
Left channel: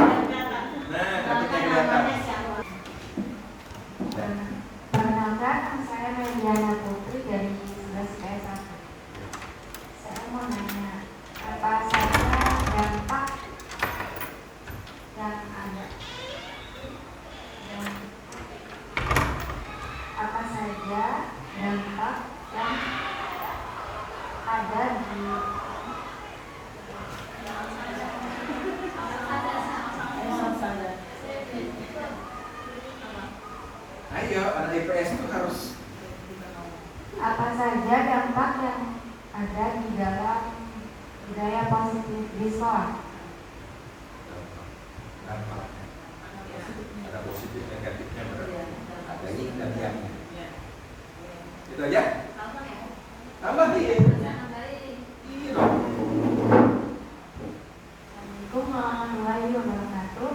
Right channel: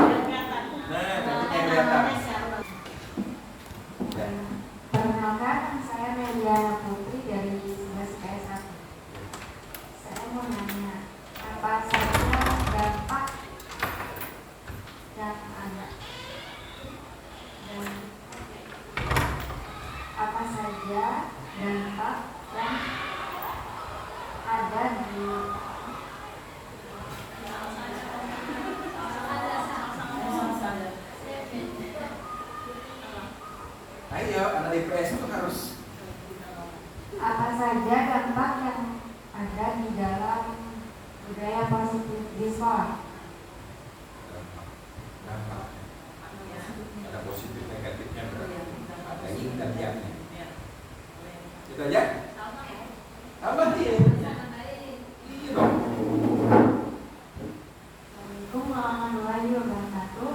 Nah, cantiknya kelihatan. Perkenalkan, nama saya Meliana Putri dari 11 IPS 1. Saya mau nanya, apa saja dampak yang ada? Dan apa saja dampak yang ada di Ayo, anak IPS itu harus. apa saja dampak yang ada di dalam budaya positif di sekolah? Ada positif negatifnya, ada yin dan yang. Itu aja. Tambah nih. Iya dong. Assalamualaikum warahmatullahi wabarakatuh.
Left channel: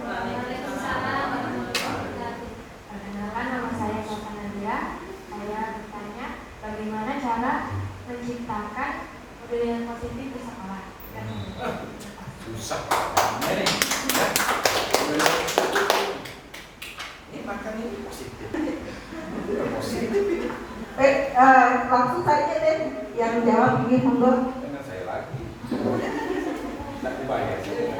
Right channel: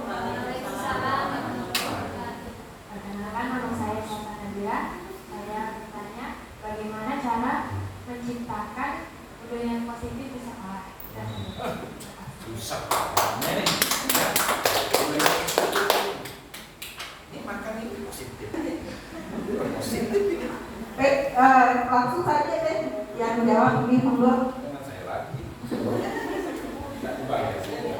Perkenalkan, nama saya Kota Nadira. Saya bertanya, bagaimana cara menciptakan budaya yang positif di sekolah? Susah. Ini nih. Ya. Ini makan ini positif. Positif ini. Baik, langsung saja deh yang jawab ini monggo. Dengan saya lagi. Tidak dibayar sih.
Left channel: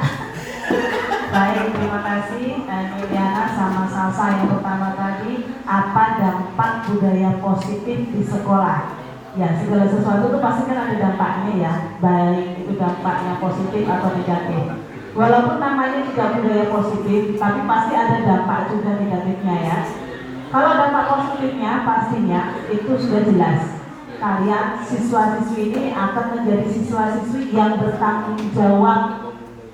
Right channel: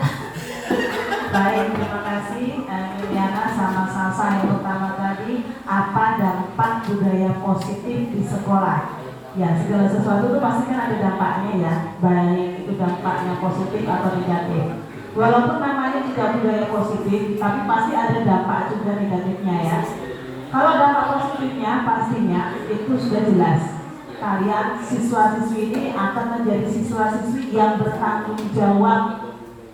Baik, terima kasih Meliana sama Salsa yang pertama tadi. Apa dampak budaya positif di sekolah? Ya, segala sesuatu itu pasti kan ada dampaknya ya, baik itu dampaknya positif atau negatif. Walaupun namanya juga budaya positif, tapi pasti ada dampak juga negatifnya ya. Kalau dampak positifnya pastinya itu sudah jelas. Kalian siswa-siswi ini akan menjadi siswa-siswi yang bertanggung jawab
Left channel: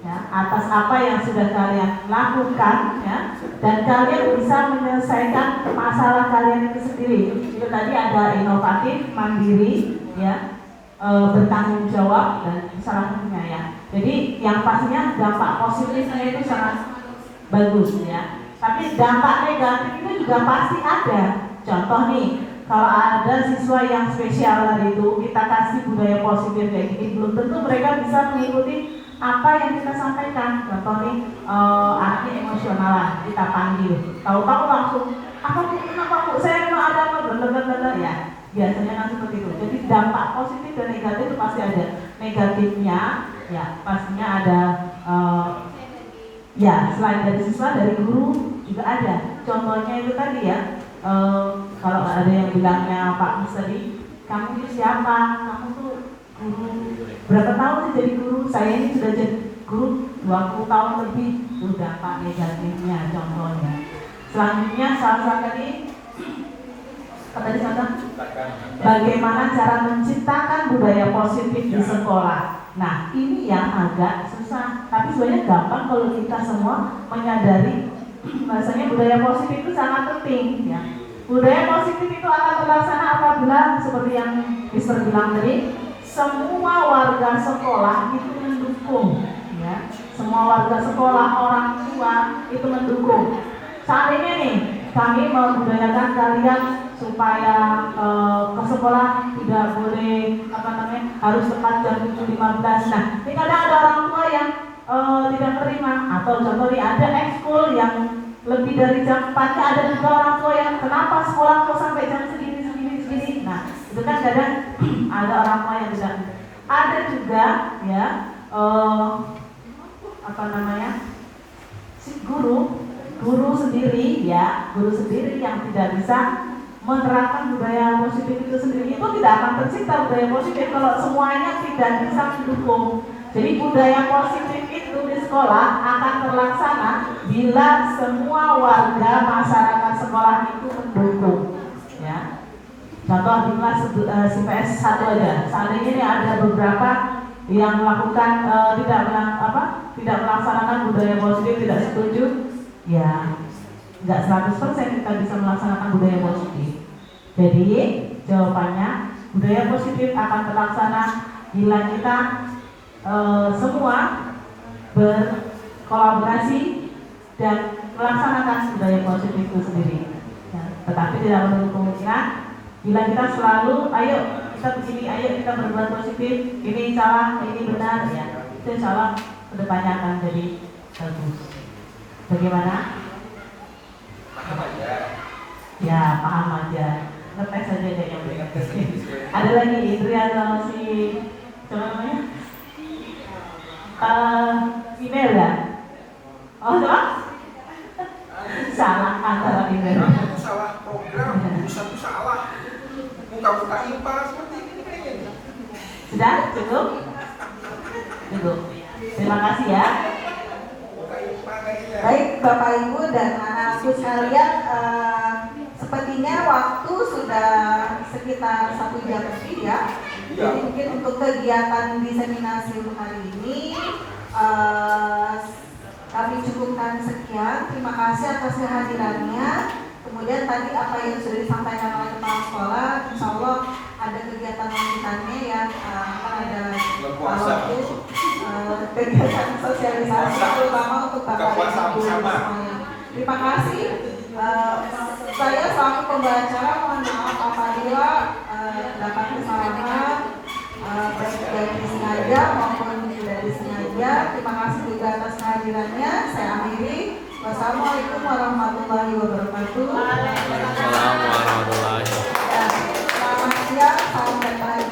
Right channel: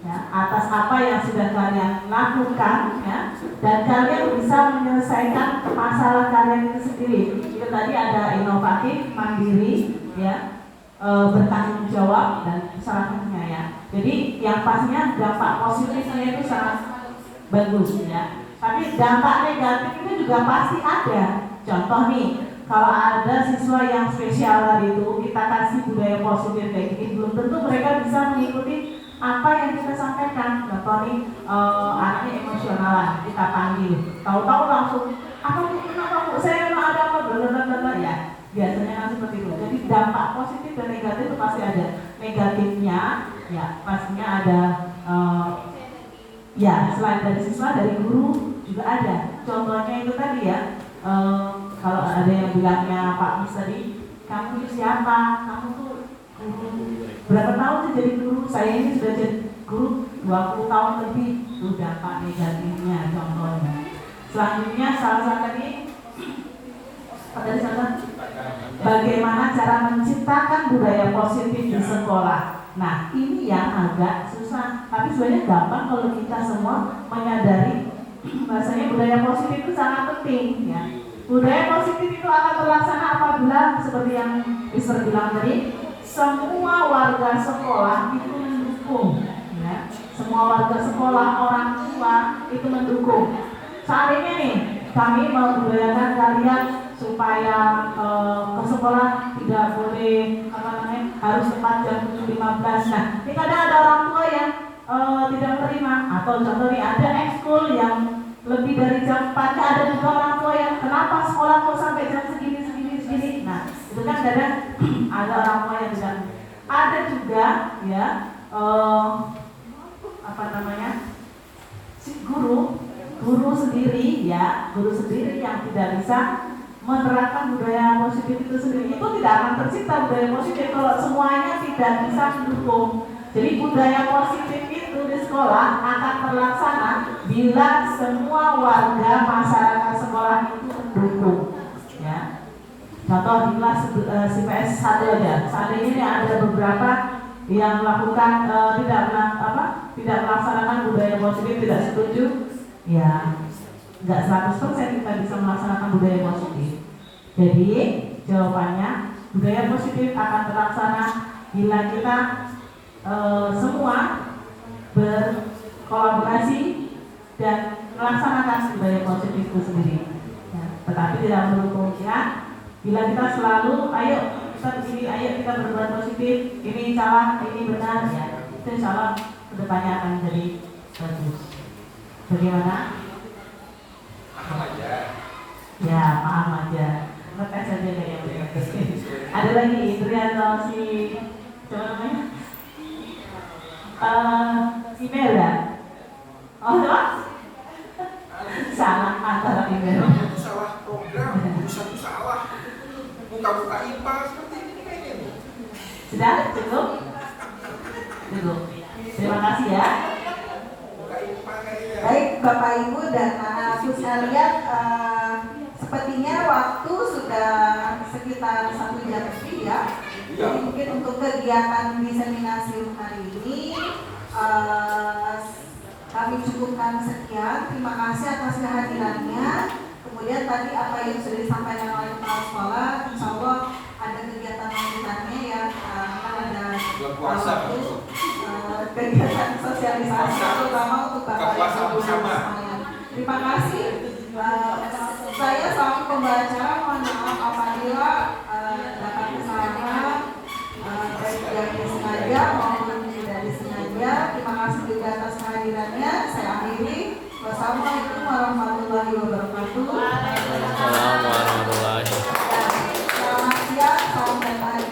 ya, atas apa yang sudah kalian lakukan ya, dan kalian bisa menyelesaikan masalah kalian itu sendiri. Itu tadi ada inovatif, mandiri ya, bertanggung jawab dan salah satunya ya. Jadi yang pastinya dampak positifnya itu sangat bagus ya. Tapi dampak negatif itu juga pasti ada. Contoh nih, kalau ada siswa yang spesial tadi itu, kita kasih budaya positif kayak gini, belum tentu mereka bisa mengikuti apa yang kita sampaikan. Contoh nih, anaknya emosionalan, kita panggil, tahu-tahu langsung, apa nih, kenapa bu, saya mau ada apa, blablabla ya. Biasanya kan seperti itu. Jadi dampak positif dan negatif itu pasti ada. Negatifnya, ya pastinya ada. Ya, selain dari siswa, dari guru juga ada. Contohnya itu tadi ya, kalau ada yang bilangnya Pak Mus tadi, kamu itu siapa? Kamu tuh guru berapa tahun sih jadi guru? Saya ini sudah jadi guru 20 tahun lebih. Itu dampak negatifnya contohnya. Selanjutnya salah satu ini, apa tadi contoh? Bagaimana cara menciptakan budaya positif di sekolah. Nah, ini yang agak susah, tapi sebenarnya gampang kalau kita semua menyadari bahasanya budaya positif itu sangat penting ya. Budaya positif itu akan terlaksana apabila seperti yang Mister bilang tadi, semua warga sekolah itu mendukung, ya. Semua warga sekolah, orang tua itu mendukung. Saat ini nih, kami membudayakan kalian supaya ke sekolah tidak boleh harus tepat jam 7.15. Nah, ini kadang ada orang tua yang tidak menerima, atau contoh nih ada ekskul yang lebih dari jam 4, ada juga orang tua yang kenapa sekolah kok sampai jam segini. Nah, itu kan kadang ada orang tua yang tidak. Ada juga ya guru sendiri yang tidak bisa menerapkan budaya positif itu sendiri. Itu tidak akan tercipta budaya positif kalau semuanya tidak bisa mendukung. Jadi budaya positif itu di sekolah akan terlaksana bila semua warga masyarakat sekolah itu mendukung, ya. Contoh di kelas CPS 1 aja, saat ini ada beberapa yang melakukan tidak melaksanakan budaya positif, tidak setuju, ya. Nggak 100% kita bisa melaksanakan budaya positif. Jadi jawabannya budaya positif akan terlaksana bila kita semua berkolaborasi dan melaksanakan budaya positif itu sendiri, ya. Tetapi tidak menutup kemungkinan bila kita selalu ayo kita berbuat positif, ini salah, ini benar, ya. Itu insya Allah kedepannya akan jadi bagus. Bagaimana? Ya, paham aja. Ngetes aja kayaknya. Ada lagi Indri atau si siapa namanya? Email ya? Oh, apa? Salah antara email. Salah program, tulisan itu salah. Buka-buka IPA seperti ini kayaknya. Sudah? Cukup? Cukup. Terima kasih ya. Baik Bapak Ibu dan anak-anakku sekalian, sepertinya waktu sudah sekitar 1 jam lebih ya. Jadi mungkin untuk kegiatan diseminasi hari ini kami cukupkan sekian. Terima kasih atas kehadirannya. Kemudian tadi apa yang sudah disampaikan oleh kepala sekolah, insya Allah ada kegiatan lanjutannya yang ada waktu kegiatan sosialisasi terutama untuk Bapak Ibu semuanya. Terima kasih. Saya selaku pembacara mohon maaf apabila dapat kesalahan baik dari sengaja maupun tidak disengaja. Terima kasih juga atas kehadirannya. Saya akhiri. Wassalamualaikum warahmatullahi wabarakatuh. Waalaikumsalam warahmatullahi wabarakatuh. Selamat siang, salam baik.